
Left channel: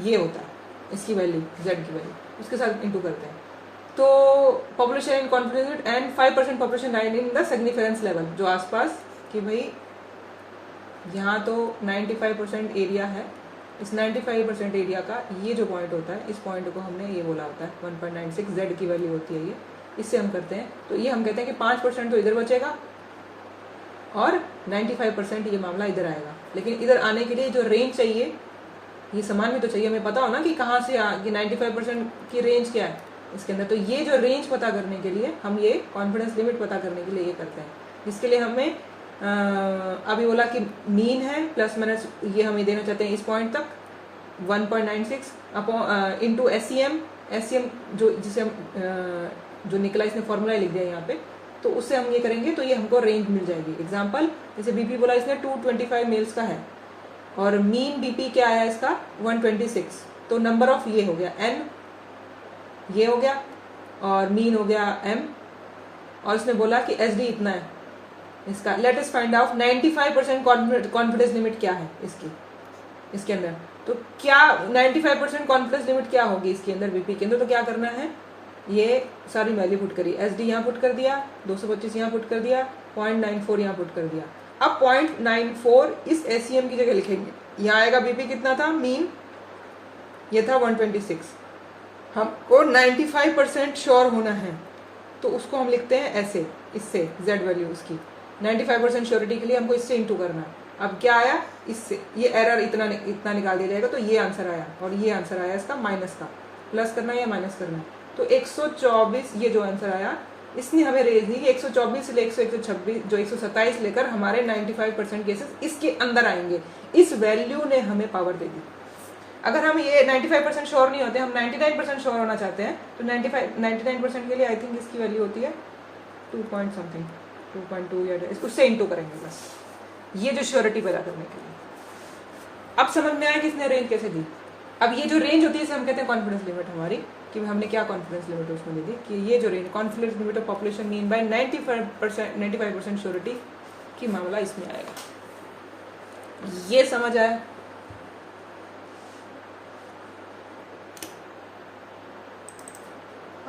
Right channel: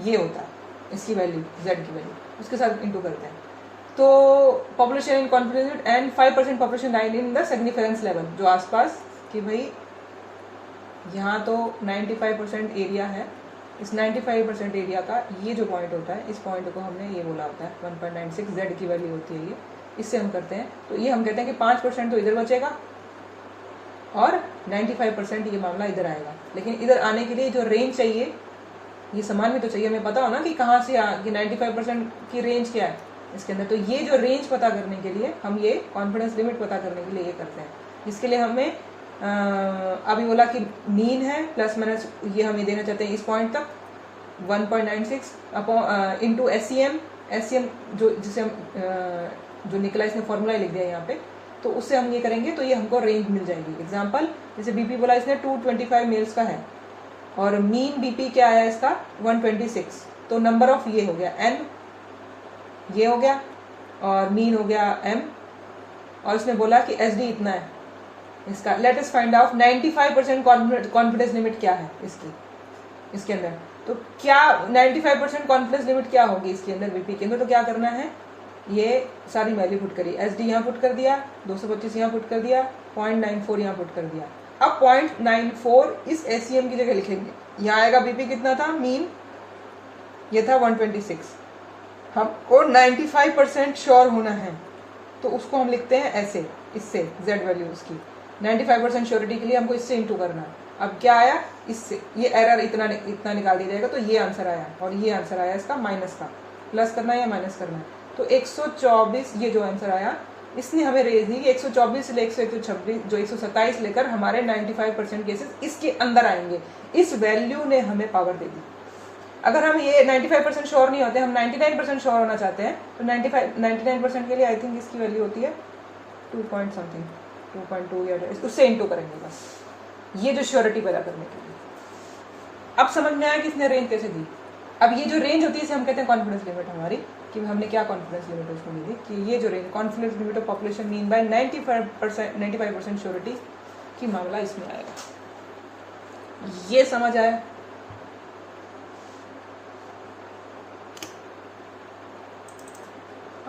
ये होता है, इसकी वैल्यू जेड की वैल्यू उसके साथ इंटू करते हैं। तो population in confidence and 5% population line in the significance level, जो आसपास कि भाई यहाँ तो 95% एरिया है, इस 95% एरिया का ये जो पॉइंट होता है, इस पॉइंट को हमने ये बोला होता है 1.96 जेड की वैल्यू होती है ये, इससे हम करते हैं। तो ये हम कहते हैं कि 5% तो इधर बचेगा और 95% ये मामला इधर आएगा। लेकिन इधर आने के लिए जो रेंज चाहिए ये समान भी तो चाहिए, हमें पता हो ना कि कहाँ से कि 95% की रेंज क्या है इसके अंदर। तो ये जो रेंज पता करने के लिए हम ये कॉन्फिडेंस लिमिट पता करने के लिए ये करते हैं। इसके लिए हमें अभी बोला कि मीन है प्लस माइनस ये हम ये देना चाहते हैं इस पॉइंट तक 1.96 अपॉन इंटू एससीएम जो जिसे हम जो निकला इसने फॉर्मूला लिख दिया यहाँ पे, तो उससे हम ये करेंगे तो ये हमको रेंज मिल जाएगी। एग्जांपल जैसे बीपी बोला इसने 225 मेल्स का है और मीन बीपी क्या आया इसका 126, तो नंबर ऑफ ये हो गया n, ये हो गया और मीन हो गया m, और इसने बोला कि एसडी इतना है इसका। Let us find out 95% confidence limit क्या है इसके अंदर। तो क्या 95% कॉन्फिडेंस लिमिट क्या होगी इसके अंदर बीपी के अंदर। तो क्या करना है, ये सारी वैल्यू पुट करी, एसडी यहाँ पुट कर दिया, 225 यहाँ पुट कर दिया, 0.94 यहाँ पुट कर दिया। अब 0.94 इस एससीएम की जगह लिखेंगे। यहाँ आएगा बीपी कितना था, मीन ये था 126। हमको 95% श्योर होना है तो उसको हम लिखते हैं ऐसे, इससे जेड वैल्यू उसकी 95% श्योरिटी के लिए हमको इससे इंटू करना। अब क्या आया, इससे ये एरर इतना निकाल दिया जाएगा, तो ये आंसर आया और ये आंसर आया इसका माइनस का, प्लस करना या माइनस करना। तो 124 ये जो आंसर आया इसने हमें रेज दी कि 124 से 126 जो 127 लेकर हमारे 95% केसेस इसके अंदर आएंगे। इस वैल्यू ने हमें पावर दे दी। अगर हम ये 95% श्योर नहीं होते, हम 99% श्योर होना चाहते हैं, तो 99% के लिए आई थिंक इसकी वैल्यू होती है 2 पॉइंट समथिंग 2.2 या उससे इंटू करेंगे बस, ये जो श्योरिटी पैदा करने के लिए। अब समझ में आया कि इसने रेंज कैसे दी। अब ये जो रेंज होती है इसे हम कहते हैं कॉन्फिडेंस लिमिट हमारी, कि हमने क्या कॉन्फिडेंस लिमिट उसको दी कि ये जो range confidence limit of population mean by 95% surety की मामला इसमें आएगा। ये समझ आया।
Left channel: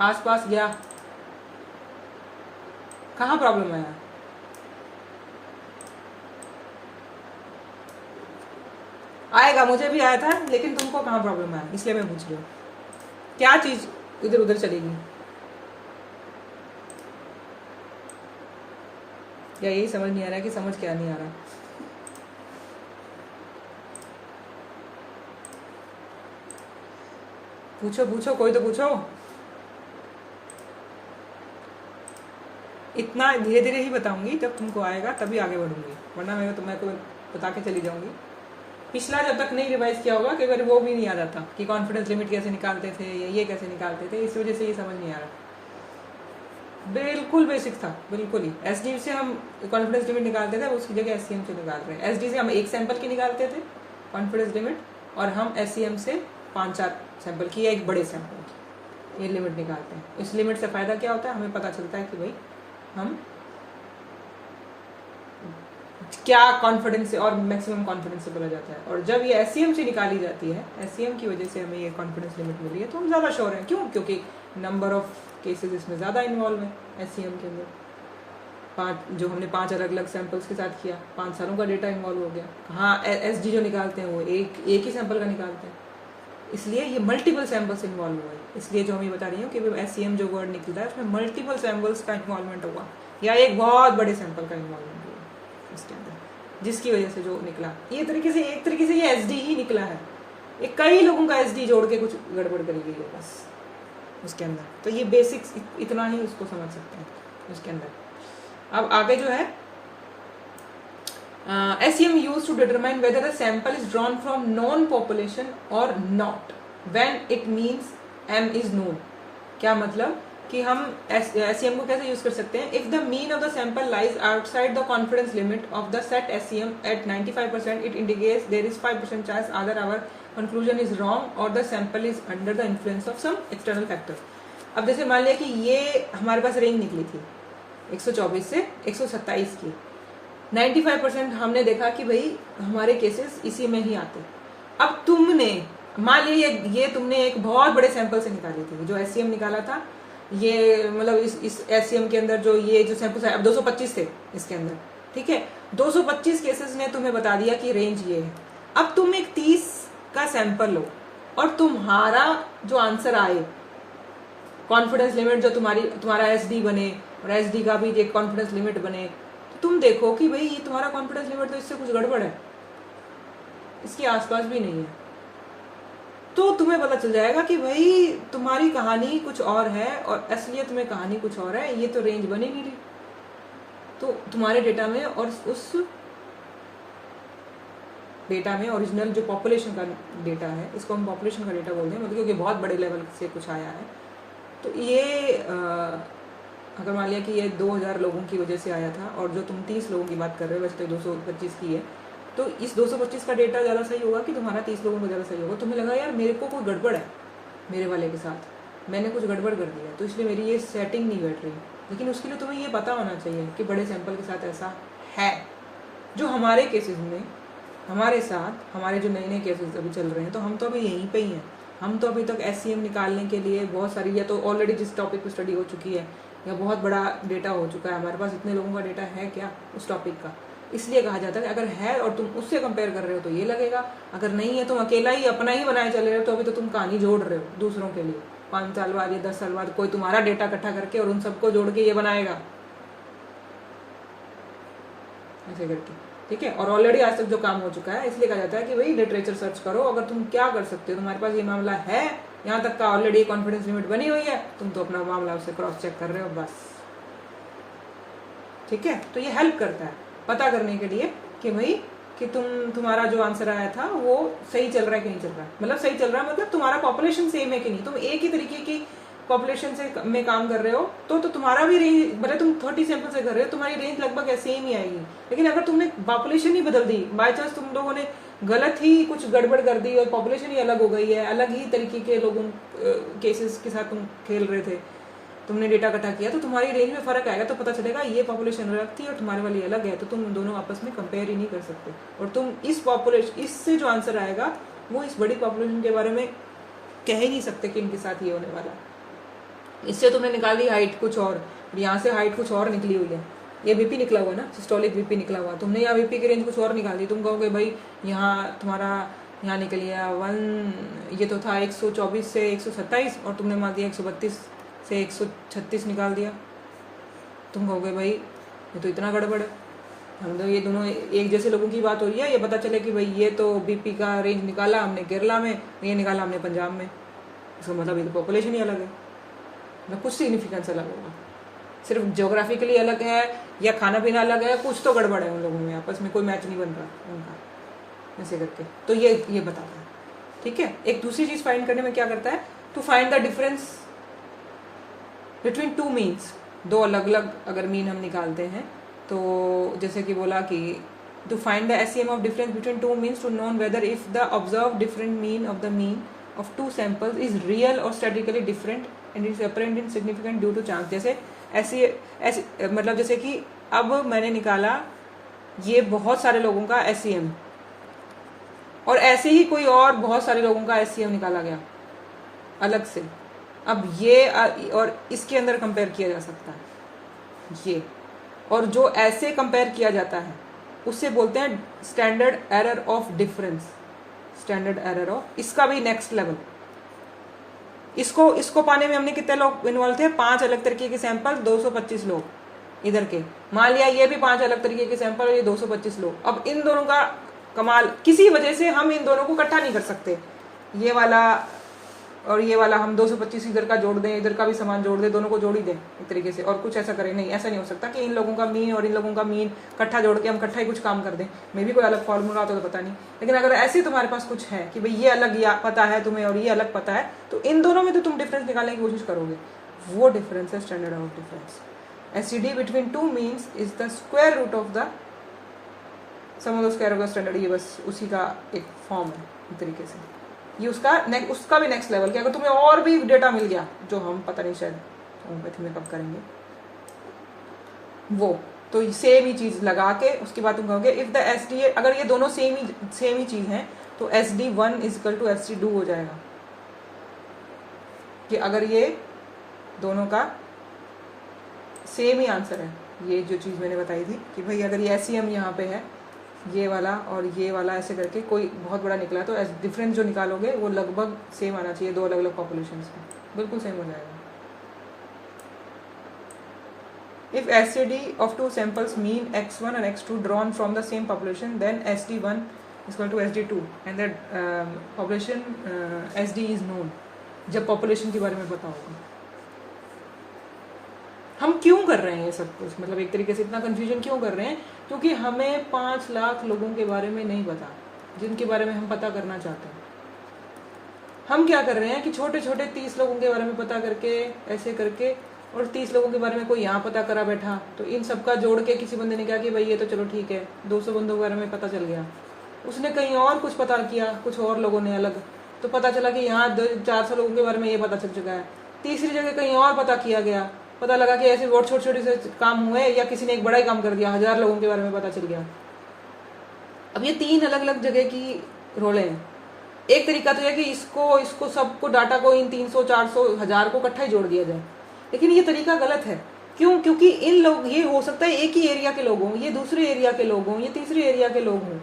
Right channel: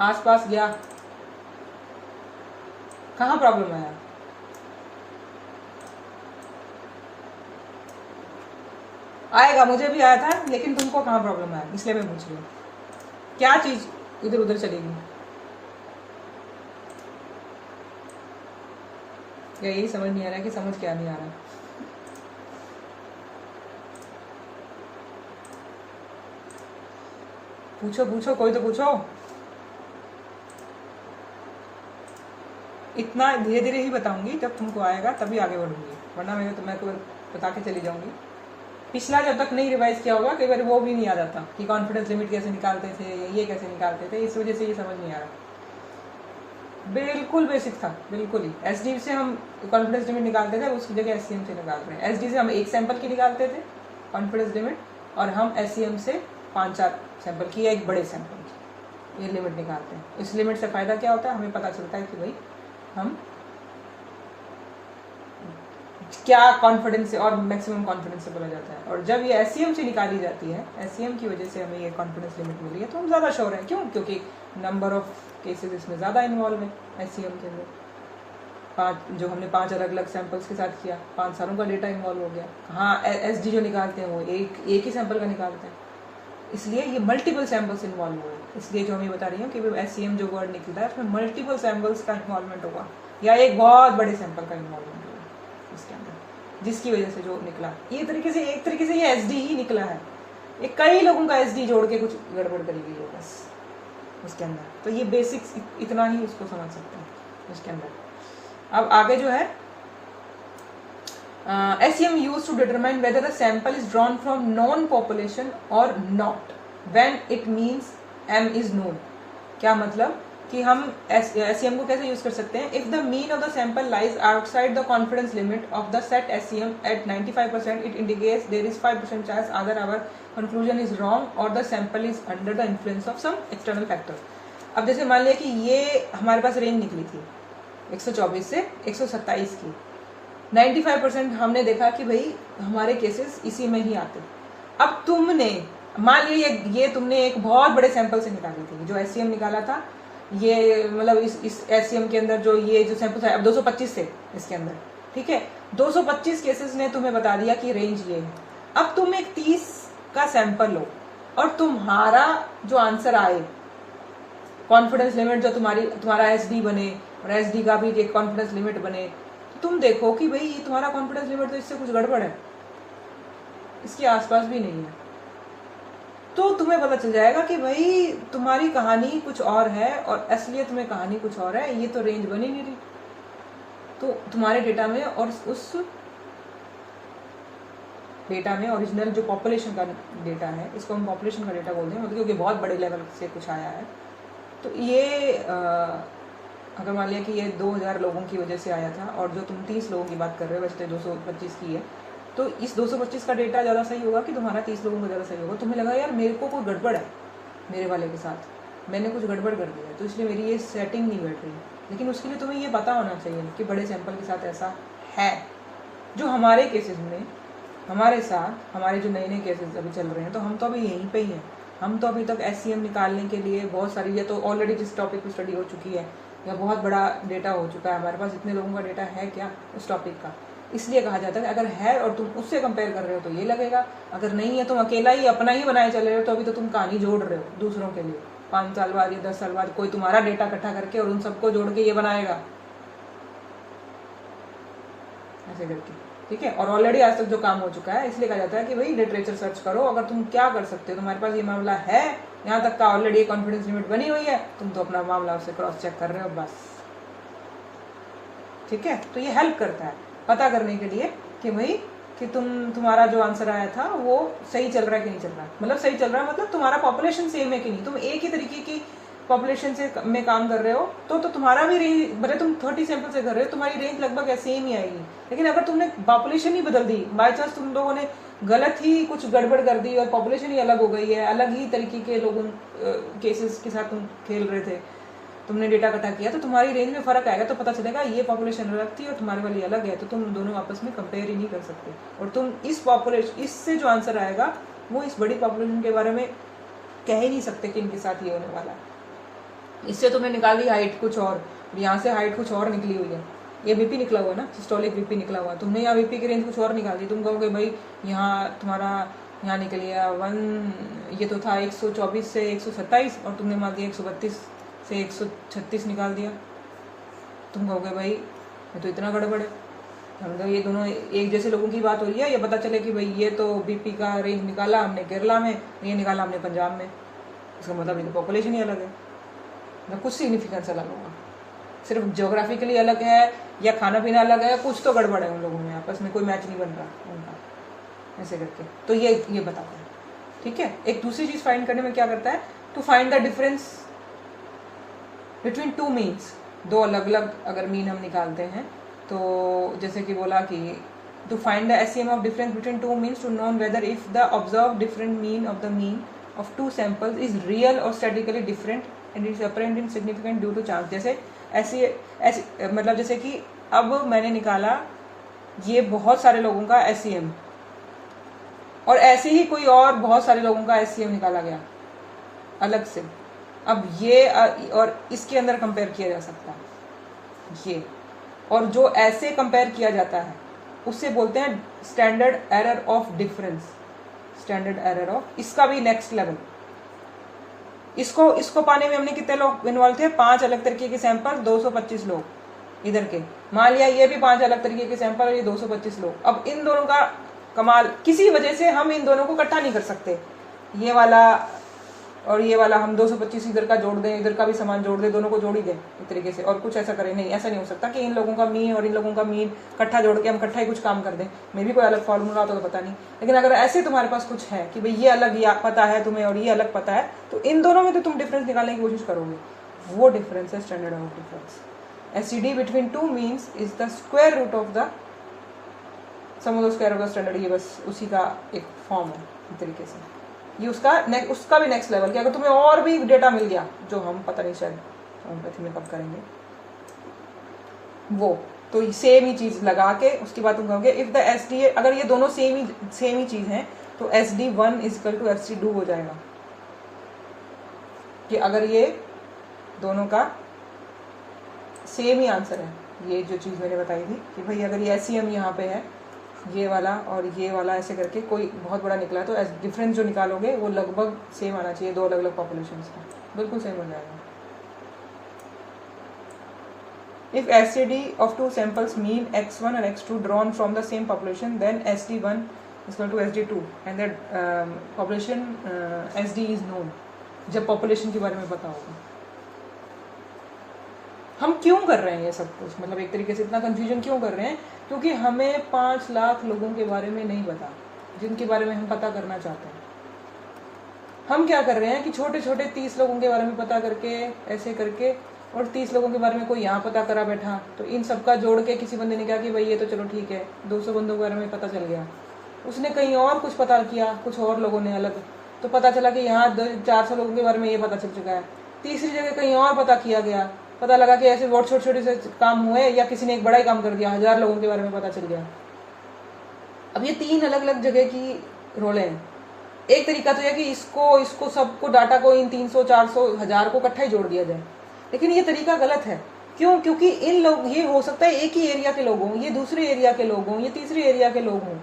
आसपास गया, कहाँ प्रॉब्लम आया, आएगा, मुझे भी आया था, लेकिन तुमको कहाँ प्रॉब्लम आया, इसलिए मैं पूछ रही हूँ क्या चीज इधर उधर चलेगी। या यही समझ नहीं आ रहा कि समझ क्या नहीं आ रहा। पूछो पूछो, कोई तो पूछो। इतना धीरे धीरे ही बताऊंगी, जब तुमको आएगा तभी आगे बढ़ूंगी, वरना मैं तो बता के चली जाऊंगी। पिछला जब तक नहीं रिवाइज किया होगा कई बार वो भी नहीं याद आता कि कॉन्फिडेंस लिमिट कैसे निकालते थे या ये कैसे निकालते थे, इस वजह से ये समझ नहीं आ रहा। बिल्कुल बेसिक था, बिल्कुल ही। एसडी से हम कॉन्फिडेंस लिमिट निकालते थे, उसकी जगह एससीएम से निकाल रहे हैं। एसडी से हम एक सैंपल की निकालते थे कॉन्फिडेंस लिमिट, और हम एससीएम से 5-4 सैंपल की या एक बड़े सैंपल की ये लिमिट निकालते हैं। इस लिमिट से फायदा क्या होता है, हमें पता चलता है कि भाई हम क्या कॉन्फिडेंस से और मैक्सिमम कॉन्फिडेंस से बोला जाता है। और जब ये एससीएम से निकाली जाती है, एससीएम की वजह से हमें ये कॉन्फिडेंस लिमिट मिली है, तो हम ज़्यादा श्योर हैं। क्यों? क्योंकि नंबर ऑफ केसेस इसमें ज़्यादा इन्वॉल्व है एससीएम के अंदर। 5 जो हमने 5 अलग अलग सैंपल्स के साथ किया, 5 सालों का डेटा इन्वॉल्व हो गया। हाँ, एसडी जो निकालते हैं वो एक ही सैंपल का निकालते हैं, इसलिए ये मल्टीपल सैंपल्स इन्वॉल्व हुए। इसलिए जो मैं बता रही हूँ कि एससीएम जो वर्ड निकलता है उसमें मल्टीपल सैंपल्स का इन्वॉल्वमेंट होगा या एक बहुत बड़े सैंपल का इन्वॉल्वमेंट होगा इसके अंदर, जिसकी वजह से जो निकला ये एक तरीके से ये एसडी ही निकला है। ये कई लोगों का एसडी जोड़ के कुछ गड़बड़ करी गई है बस उसके अंदर। तो ये बेसिक्स इतना ही उसको समझ सकते हैं उसके अंदर। अब आगे जो है SEM used to determine whether a sample is drawn from known population or not when it means M is known। क्या मतलब कि हम SEM को कैसे यूज कर सकते हैं। If the mean of the sample lies outside the confidence limit of the set SEM at 95%, it indicates there is 5% chance either our conclusion is wrong और the sample is under the influence of some external factor. अब जैसे मान लिया कि ये हमारे पास range निकली थी 124 से 127 की, 95% हमने देखा कि भाई हमारे केसेस इसी में ही आते। अब तुमने मान लिया ये तुमने एक बहुत बड़े सैंपल से निकाली थी, जो एससीएम निकाला था, ये मतलब इस एससीएम के अंदर जो सैंपल है, अब 225 थे इसके अंदर, ठीक है, 225 केसेस ने तुम्हें बता दिया कि रेंज ये है। अब तुम एक 30 का सैंपल लो और तुम्हारा जो आंसर आए, कॉन्फिडेंस लिमिट जो तुम्हारा एसडी बने और एसडी का भी एक कॉन्फिडेंस लिमिट बने, तो तुम देखो कि भाई ये तुम्हारा कॉन्फिडेंस लिमिट तो इससे कुछ गड़बड़ है, इसके आसपास भी नहीं है, तो तुम्हें पता चल जाएगा कि भाई तुम्हारी कहानी कुछ और है और असलियत में कहानी कुछ और है, ये तो रेंज बन ही नहीं रही। तो तुम्हारे डेटा में और उस डेटा में ओरिजिनल जो पॉपुलेशन का डेटा है, इसको हम पॉपुलेशन का डेटा बोलते हैं, मतलब क्योंकि बहुत बड़े लेवल से कुछ आया है, तो ये अगर मान लिया कि ये 2000 लोगों की वजह से आया था और जो तुम 30 लोगों की बात कर रहे हो, वैसे तो 225 की है, तो इस 225 का डेटा ज़्यादा सही होगा कि तुम्हारा 30 लोगों का ज़्यादा सही होगा। तुम्हें लगा यार मेरे को कोई गड़बड़ है मेरे वाले के साथ, मैंने कुछ गड़बड़ कर दिया, तो इसलिए मेरी ये सेटिंग नहीं बैठ रही। लेकिन उसके लिए तुम्हें ये पता होना चाहिए कि बड़े सैंपल के साथ ऐसा है। जो हमारे केसेस में हमारे साथ हमारे जो नए नए केसेस अभी चल रहे हैं, तो हम तो अभी यहीं पे ही हैं। हम तो अभी तक एससीएम निकालने के लिए बहुत सारी, या तो ऑलरेडी जिस टॉपिक पे स्टडी हो चुकी है या बहुत बड़ा डेटा हो चुका है, हमारे पास इतने लोगों का डेटा है क्या उस टॉपिक का, इसलिए कहा जाता है कि अगर है और तुम उससे कंपेयर कर रहे हो तो ये लगेगा, अगर नहीं है तुम अकेला ही अपना ही बनाए चले रहे हो, तो अभी तो तुम कहानी जोड़ रहे हो दूसरों के लिए। 5 साल बाद या 10 साल बाद कोई तुम्हारा डेटा इकट्ठा करके और उन सबको जोड़ के ये बनाएगा ऐसे करके, ठीक है। और ऑलरेडी आज तक जो काम हो चुका है, इसलिए कहा जाता है कि भाई लिटरेचर सर्च करो, अगर तुम क्या कर सकते हो, तुम्हारे पास ये मामला है, यहाँ तक का ऑलरेडी कॉन्फिडेंस लिमिट बनी हुई है, तुम तो अपना मामला उससे क्रॉस चेक कर रहे हो बस, ठीक है। तो ये हेल्प करता है पता करने के लिए कि भाई कि तुम्हारा जो आंसर आया था वो सही चल रहा है कि नहीं चल रहा, मतलब सही चल रहा है मतलब तुम्हारा पॉपुलेशन सेम है कि नहीं, तुम एक ही तरीके की पॉपुलेशन से में काम कर रहे हो, तो तुम्हारा भी रेंज, भले तुम 30 सैंपल से कर रहे हो, तुम्हारी रेंज लगभग सेम ही आएगी। लेकिन अगर तुमने पॉपुलेशन ही बदल दी, बाई चांस तुम लोगों ने गलत ही कुछ गड़बड़ कर दी और पॉपुलेशन ही अलग हो गई है, अलग ही तरीके के लोगों केसेस के साथ तुम खेल रहे थे, तुमने डेटा इकट्ठा किया, तो तुम्हारी रेंज में फर्क आएगा, तो पता चलेगा ये पॉपुलेशन अलग थी और तुम्हारी वाली अलग है, तो तुम दोनों आपस में कंपेयर ही नहीं कर सकते। और तुम इस पॉपुलेशन, इससे जो आंसर आएगा वो इस बड़ी पॉपुलेशन के बारे में कह ही नहीं सकते कि इनके साथ ये होने वाला। इससे तुमने निकाल दी हाइट कुछ और यहाँ से हाइट कुछ और निकली हुई है, ये बीपी निकला हुआ है ना, सिस्टोलिक बीपी निकला हुआ है, तुमने यहाँ बीपी की रेंज कुछ और निकाल दी, तुम कहोगे भाई यहाँ तुम्हारा यहाँ निकल गया 1, ये तो था 124 से 127 और तुमने मार दिया 132 से 136 निकाल दिया, तुम कहोगे भाई ये तो इतना गड़बड़ है। हम तो ये दोनों एक जैसे लोगों की बात हो रही है, ये पता चले कि भाई ये तो बीपी का रेंज निकाला हमने केरला में, ये निकाला हमने पंजाब में, इसका मतलब ये तो पॉपुलेशन ही अलग है, मतलब कुछ सिग्निफिकेंस अलग होगा, सिर्फ ज्योग्राफिकली अलग है या खाना पीना अलग है, कुछ तो गड़बड़ है उन लोगों में, आपस में कोई मैच नहीं बन रहा उनका, ऐसे करके। तो ये बताता है, ठीक है। एक दूसरी चीज फाइंड करने में क्या करता है, to find the difference between two means, दो अलग अलग अगर मीन हम निकालते हैं, तो जैसे कि बोला कि to find the SCM of difference between two means to known whether if the observe different mean of the mean of two samples is real और statically different and is apparent in significant due to chance. जैसे ऐसे मतलब जैसे कि अब मैंने निकाला ये बहुत सारे लोगों का एससीएम और ऐसे ही कोई और बहुत सारे लोगों का एससीएम निकाला गया अलग से, अब ये और इसके अंदर कंपेयर किया जा सकता है ये, और जो ऐसे कंपेयर किया जाता है उससे बोलते हैं standard error of difference, standard error of, इसका भी नेक्स्ट लेवल। इसको पाने में हमने कितने लोग इन्वॉल्व थे, 5 अलग तरीके के सैंपल, 225 लोग इधर के, मान लिया ये भी 5 अलग तरीके के सैंपल और ये 225 लोग। अब इन दोनों का कमाल, किसी वजह से हम इन दोनों को इकट्ठा नहीं कर सकते, ये वाला और ये वाला हम 225 इधर का जोड़ दें, इधर का भी सामान जोड़ दें, दोनों को जोड़ ही दें एक तरीके से, और कुछ ऐसा करें, नहीं, ऐसा नहीं हो सकता कि इन लोगों का मीन और इन लोगों का मीन इकट्ठा जोड़ के हम इकट्ठा ही कुछ काम कर दें, मे भी कोई अलग फॉर्मूला होता तो पता नहीं। लेकिन अगर ऐसे तुम्हारे पास कुछ है कि भाई ये अलग या पता है तुम्हें और ये अलग पता है, तो इन दोनों में तो तुम डिफरेंस निकालने की कोशिश करोगे, वो डिफरेंस है standard of difference. SCD between two means is the square root of the sum of the square of the standard, ये बस उसी का एक फॉर्म है एक तरीके से। ये उसका भी नेक्स्ट लेवल कि अगर तुम्हें और भी डेटा मिल गया जो हम पता नहीं शायद होम्योपैथी में कब करेंगे वो, तो सेम ही चीज लगा के उसके बाद तुम कहोगे इफ द SD, अगर ये दोनों सेम ही चीज है तो SD1 इक्वल टू SD2 हो जाएगा। कि अगर ये दोनों का सेम ही आंसर है, ये जो चीज मैंने बताई थी कि भाई अगर ये SEM यहाँ पे है, ये वाला और ये वाला ऐसे करके कोई बहुत बड़ा निकला तो डिफरेंस जो निकालोगे वो लगभग सेम आना चाहिए, दो अलग अलग पॉपुलेशन का बिल्कुल सेम हो जाएगा। If STD of two samples mean X1 and X2 drawn from the same population, then SD1 is equal to SD2 and the population SD is known। जब पॉपुलेशन के बारे में पता होगा। हम क्यों कर रहे हैं ये सब कुछ, मतलब एक तरीके से इतना कंफ्यूजन क्यों कर रहे हैं, क्योंकि हमें 5 लाख लोगों के बारे में नहीं पता जिनके बारे में हम पता करना चाहते हैं। हम क्या कर रहे हैं कि छोटे छोटे 30 लोगों के बारे में पता करके ऐसे करके, और 30 लोगों के बारे में कोई यहाँ पता करा बैठा, तो इन सबका जोड़ के किसी बंदे ने कहा कि भाई ये तो चलो ठीक है, 200 बंदों के बारे में पता चल गया। उसने कहीं और कुछ पता किया, कुछ और लोगों ने अलग, तो पता चला कि यहाँ 400 लोगों के बारे में ये पता चल चुका है। तीसरी जगह कहीं और पता किया गया, पता लगा कि ऐसे बहुत छोटे छोटे से काम हुए, या किसी ने एक बड़ा ही काम कर दिया, 1000 लोगों के बारे में पता चल गया। अब ये 3 अलग अलग जगह की रोलें हैं। एक तरीका तो है कि इसको सबको डाटा को इन 300 400 1000 को इकट्ठा ही जोड़ दिया जाए, लेकिन ये तरीका गलत है। क्यों? क्योंकि इन लोग, ये हो सकता है एक ही एरिया के लोग हों, ये दूसरे एरिया के लोग हों, ये तीसरे एरिया के लोग हों,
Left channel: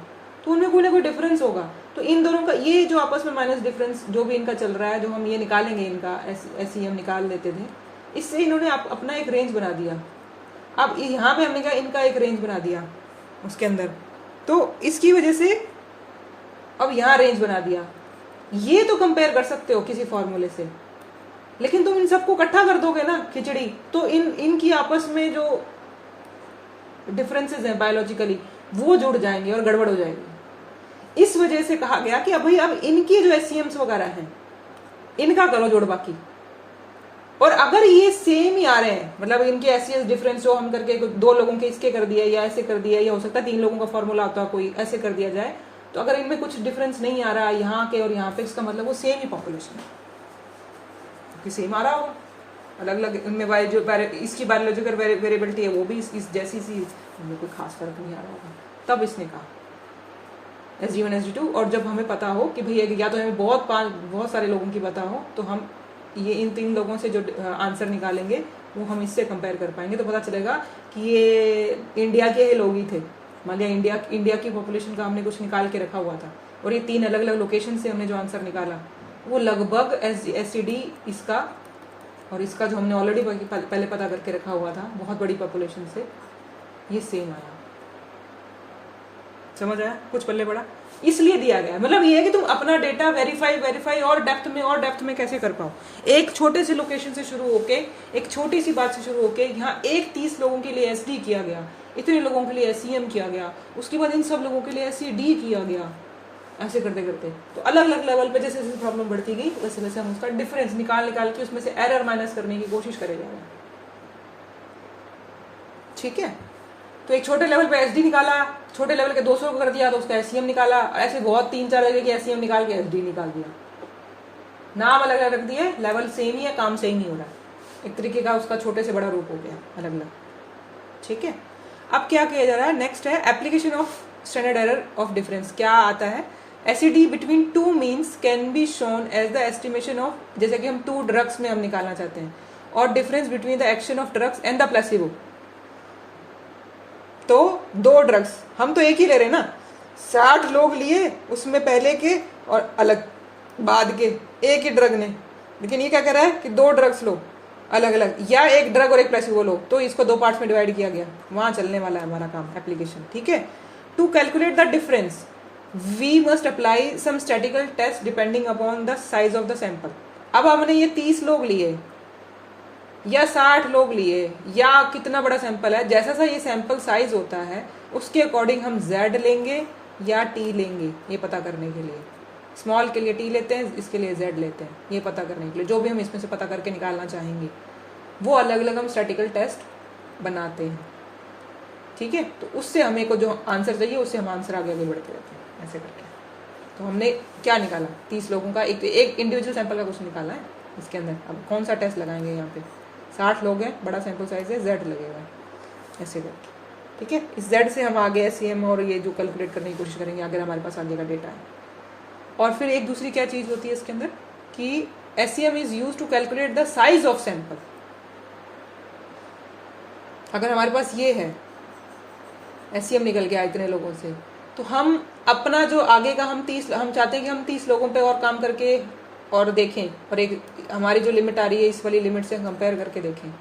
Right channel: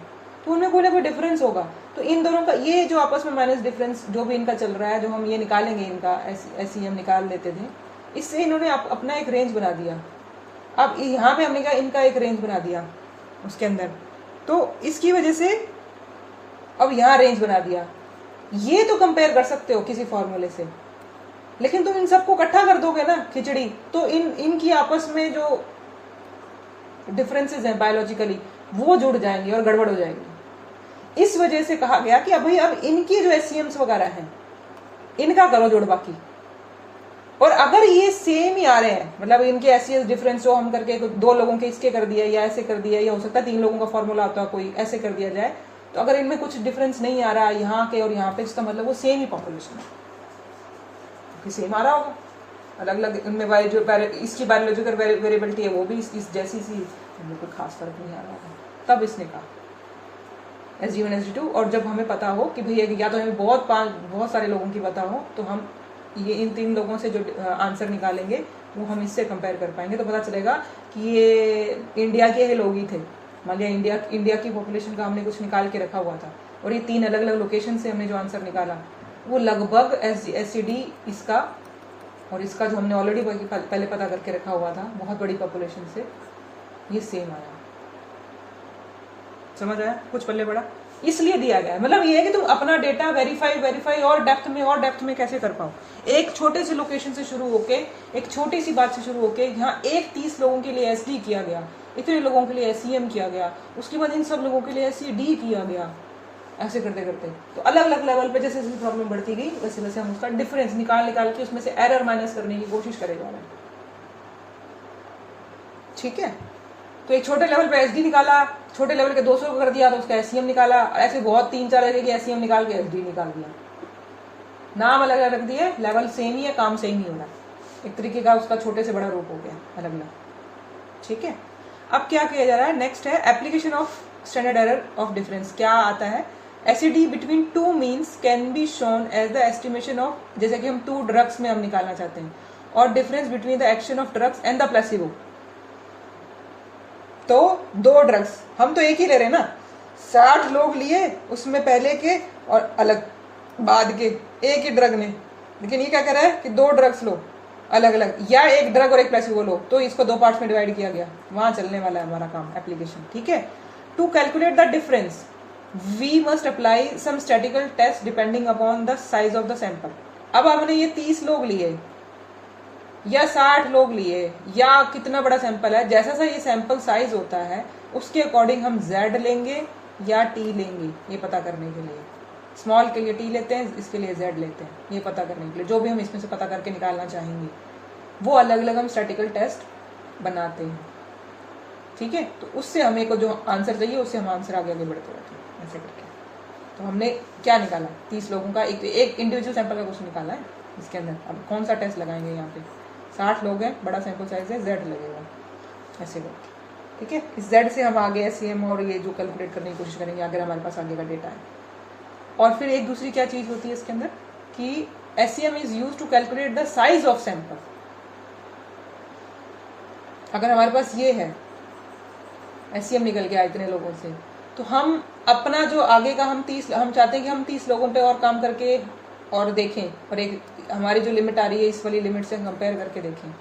तो उनमें कोई ना कोई डिफरेंस होगा। तो इन दोनों का ये जो आपस में माइनस डिफरेंस जो भी इनका चल रहा है, जो हम ये निकालेंगे, इनका SEM निकाल लेते थे, इससे इन्होंने अपना एक रेंज बना दिया। अब यहाँ पे हमने कहा इनका एक रेंज बना दिया उसके अंदर, तो इसकी वजह से अब यहाँ रेंज बना दिया। ये तो कंपेयर कर सकते हो किसी फॉर्मूले से, लेकिन तुम इन सबको इकट्ठा कर दोगे ना खिचड़ी, तो इनकी आपस में जो डिफरेंसेस हैं बायोलॉजिकली वो जुड़ जाएंगे और गड़बड़ हो जाएगी। इस वजह से कहा गया कि अब इनकी जो SEMs वगैरह हैं इनका करो जोड़ बाकी, और अगर ये सेम ही आ रहे हैं, मतलब इनके SES डिफरेंस जो हम करके 2 लोगों के इसके कर दिया या ऐसे कर दिया, या हो सकता है 3 लोगों का फॉर्मूला होता है कोई ऐसे कर दिया जाए, तो अगर इनमें कुछ डिफरेंस नहीं आ रहा यहाँ के और यहाँ पे, इसका मतलब वो सेम ही पॉपुलेशन है, सेम आ रहा होगा। अलग अलग इनमें जो इसकी बायोलॉजिकल वेरिएबिलिटी है वो भी इस जैसी सी, हम लोग को खास फर्क नहीं आ रहा था। तब इसने कहा SD1 SD2, और जब हमें पता हो कि भैया या तो हमें बहुत सारे लोगों की पता हो, तो हम ये इन 3 लोगों से जो आंसर निकालेंगे वो हम इससे कंपेयर कर पाएंगे, तो पता चलेगा कि ये इंडिया के लोग ही थे। मान लिया इंडिया की पॉपुलेशन का हमने कुछ निकाल के रखा हुआ था, और ये 3 अलग अलग लोकेशन से हमने जो आंसर निकाला वो लगभग SCD इसका और इसका जो हमने ऑलरेडी पहले पता करके रखा हुआ था बहुत बड़ी पॉपुलेशन से, ये सेम आया। समझ आया? कुछ पल्ले पड़ा, इसलिए दिया गया। मतलब ये है कि तुम अपना डेटा वेरीफाई और डेप्थ में कैसे कर पाओ। एक छोटे से लोकेशन से शुरू होके, एक छोटी सी बात से शुरू होके, यहाँ 30 लोगों के लिए SD किया गया, इतने लोगों के लिए SEM किया गया, उसके बाद इन सब लोगों के लिए SED किया गया, ऐसे करते करते तो अलग अलग लेवल पे जैसे जैसे प्रॉब्लम बढ़ती गई वैसे वैसे हम उसका डिफरेंस निकाल के उसमें से एरर माइनस करने की कोशिश करे जा रहे हैं। ठीक है, तो एक छोटे लेवल पे SD निकाला, छोटे लेवल के 200 कर दिया तो उसका SEM निकाला, ऐसे बहुत 3-4 जगह की SEM निकाल के SD निकाल दिया। नाम अलग अलग रख दिए, लेवल सेम ही है, काम सेम ही होगा, एक तरीके का उसका छोटे से बड़ा रूप हो गया अलग अलग। ठीक है, अब क्या किया जा रहा है, नेक्स्ट है application of standard error of difference. क्या आता है, SED between 2 means can be shown as the estimation of, जैसे कि हम 2 ड्रग्स में हम निकालना चाहते हैं, और difference between the action of drugs and the placebo. तो 2 ड्रग्स, हम तो एक ही ले रहे हैं ना, 60 लोग लिए, उसमें पहले के और अलग बाद के, एक ही ड्रग ने, लेकिन ये क्या कर रहा है कि 2 ड्रग्स लो अलग अलग, या एक ड्रग और एक प्लेसिबो लो, तो इसको 2 पार्ट्स में डिवाइड किया गया, वहां चलने वाला है हमारा काम एप्लीकेशन। ठीक है, to calculate the difference we must apply some statical test depending upon the size of the sample. अब हमने ये 30 लोग लिए या 60 लोग लिए, या कितना बड़ा सैंपल है, जैसा सा ये सैंपल साइज होता है उसके अकॉर्डिंग हम Z लेंगे या T लेंगे, ये पता करने के लिए। स्मॉल के लिए T लेते हैं, इसके लिए Z लेते हैं, ये पता करने के लिए। जो भी हम इसमें से पता करके निकालना चाहेंगे वो अलग अलग हम स्टैटिकल टेस्ट बनाते हैं। ठीक है, तो उससे हमें को जो आंसर चाहिए उससे हम आंसर आगे बढ़ते रहते हैं ऐसे करके। तो हमने क्या निकाला, 30 लोगों का एक इंडिविजुअल सैंपल का क्वेश्चन निकाला है इसके अंदर। अब कौन सा टेस्ट लगाएंगे यहाँ पे, 60 लोग हैं, बड़ा सैंपल साइज है, Z लगेगा ऐसे करके, ठीक है। इस Z से हम आगे SEM और ये जो कैलकुलेट करने की कोशिश करेंगे अगर हमारे पास आगे का डेटा है। और फिर एक दूसरी क्या चीज़ होती है इसके अंदर कि SEM is use to calculate the size of sample. अगर हमारे पास ये है SEM निकल गया इतने लोगों से, तो हम अपना जो आगे का हम चाहते हैं कि हम 30 लोगों पे और काम करके और देखें, और एक हमारी जो लिमिट आ रही है इस वाली लिमिट से कंपेयर करके देखें।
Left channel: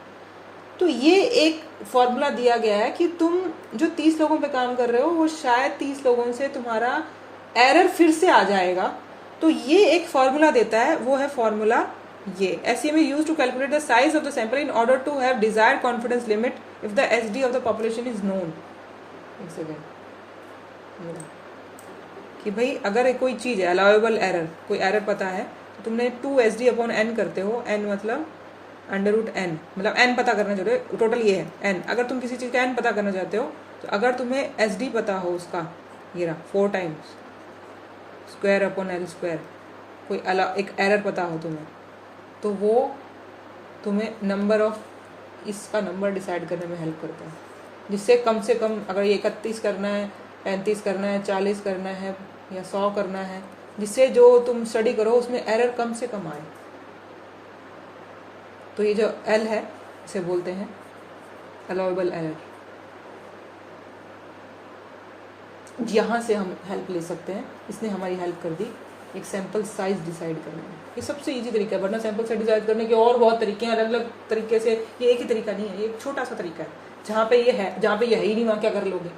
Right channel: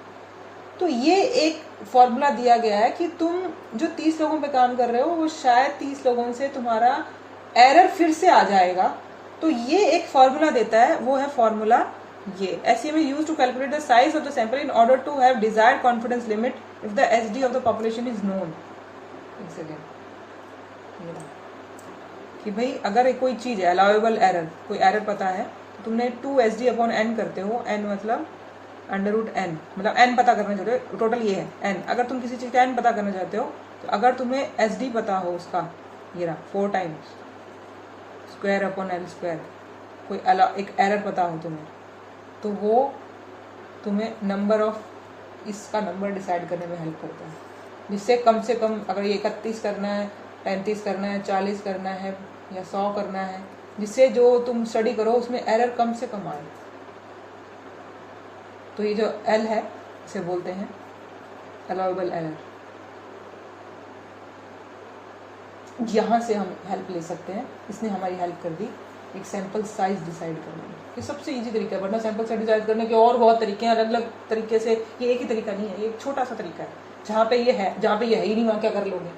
तो ये एक फॉर्मूला दिया गया है कि तुम जो 30 लोगों पे काम कर रहे हो वो शायद 30 लोगों से तुम्हारा एरर फिर से आ जाएगा। तो ये एक फॉर्मूला देता है, वो है फॉर्मूला ये SEM is used to calculate the size of the sample in order to have desired confidence limit if the SD of the population is known। एक सेकेंड, कि भाई अगर कोई चीज़ है अलाउेबल एरर, कोई एरर पता है तो तुमने 2SD/n करते हो, n मतलब √n, मतलब n पता करना चाहते हो, टोटल ये है n। अगर तुम किसी चीज़ का n पता करना चाहते हो तो अगर तुम्हें SD पता हो उसका, ये रहा 4 टाइम्स square/L², कोई एक एरर पता हो तुम्हें, तो वो तुम्हें नंबर ऑफ इसका नंबर डिसाइड करने में हेल्प करता है, जिससे कम से कम अगर ये 31 करना है, 35 करना है, 40 करना है या 100 करना है, जिससे जो तुम स्टडी करो उसमें एरर कम से कम आए। तो ये जो L है इसे बोलते हैं अलाउेबल एरर। यहाँ से हम हेल्प ले सकते हैं, इसने हमारी हेल्प कर दी एक सैंपल साइज डिसाइड करने में। ये सबसे इजी तरीका है, वरना सैंपल साइज डिसाइड करने के और बहुत तरीके हैं, अलग अलग तरीके से। ये एक ही तरीका नहीं है, ये एक छोटा सा तरीका है। जहाँ पे ये है, जहाँ पे ये है ही नहीं वहाँ क्या कर लोगे,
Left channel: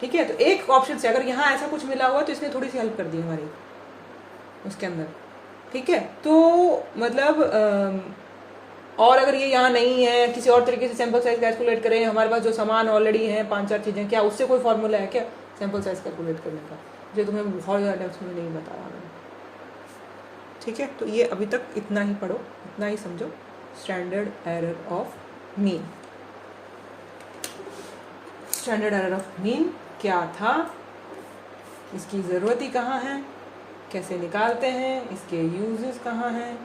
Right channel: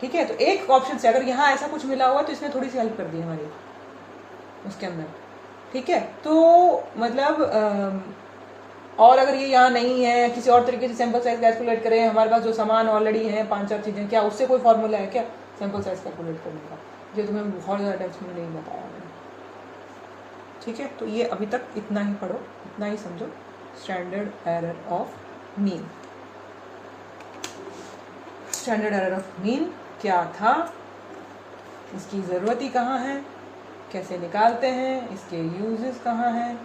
ठीक है। तो एक ऑप्शन से अगर यहाँ ऐसा कुछ मिला हुआ तो इसने थोड़ी सी हेल्प कर दी हमारी उसके अंदर, ठीक है। तो मतलब और अगर ये यहाँ नहीं है, किसी और तरीके से सैंपल साइज कैलकुलेट करें, हमारे पास जो सामान ऑलरेडी है 5-4 चीज़ें, क्या उससे कोई फॉर्मूला है क्या सैंपल साइज कैलकुलेट करने का, जो तुम्हें बहुत ज़्यादा डेप्थ में नहीं बताया मैंने, ठीक है। तो ये अभी तक इतना ही पढ़ो, इतना ही समझो, standard error of mean. Standard error of mean क्या था, इसकी ज़रूरत ही कहाँ है, कैसे निकालते हैं, इसके यूजेस कहाँ हैं,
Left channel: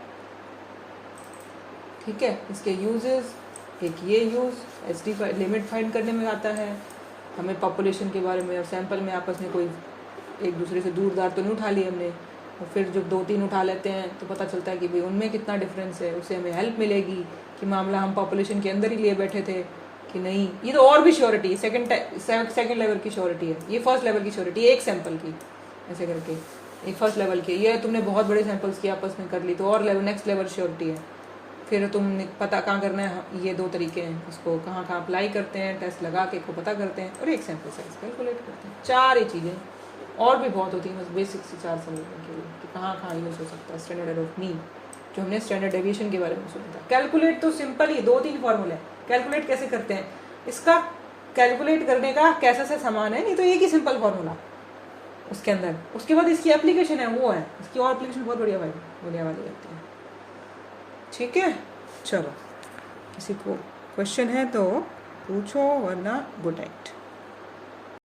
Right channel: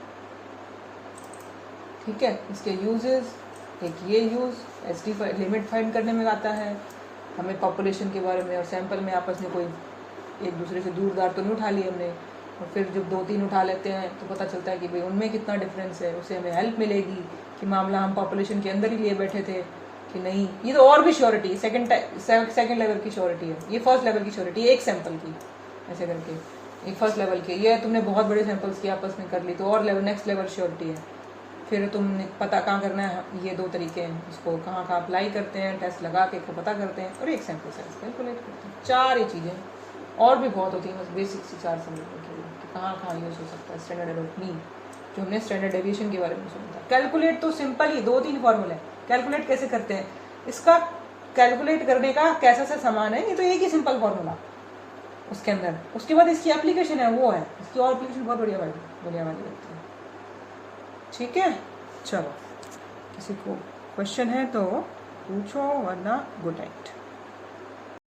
ठीक है। इसके यूजेस, एक ये यूज़ SD लिमिट फाइंड करने में आता है, हमें पॉपुलेशन के बारे में और सैंपल में आपस में कोई एक दूसरे से दूर दार तो नहीं उठा लिए हमने, और फिर जब 2-3 उठा लेते हैं तो पता चलता है कि भाई उनमें कितना डिफरेंस है, उससे हमें हेल्प मिलेगी कि मामला हम पॉपुलेशन के अंदर ही लिए बैठे थे कि नहीं। ये तो और भी श्योरिटी, सेकंड लेवल की श्योरिटी है, ये फर्स्ट लेवल की श्योरिटी है, एक सैंपल की ऐसे करके, एक फर्स्ट लेवल की। ये तुमने बहुत बड़े सैंपल्स की आपस में कर ली तो और नेक्स्ट लेवल श्योरिटी है। फिर तुम पता कहाँ करना है, ये 2 तरीके हैं, इसको कहाँ कहाँ अप्लाई करते हैं, टेस्ट लगा के को पता करते हैं, और एक सैंपल साइज कैलकुलेट करते हैं। 4 ही चीज़ें, और भी बहुत होती है, बस बेसिक सी 4 समझने के लिए कि कहाँ कहाँ यूज़ हो सकता है स्टैंडर्ड एरर ऑफ मीन, जो हमने स्टैंडर्ड डेविएशन के बारे में सुना था। कैलकुलेट तो सिंपल ही 2-3 फॉर्मूले, कैलकुलेट कैसे करते हैं, इसका कैलकुलेट करने का कैसा सा सामान है, ये तो एक ही सिंपल फॉर्मूला उसके अंदर। उसके बाद इसकी एप्लीकेशन है, वो है इसकी और एप्लीकेशन बहुत बढ़िया वाली होती है, ठीक है। चलो, किसी को क्वेश्चन है तो पूछो, वरना गुड नाइट।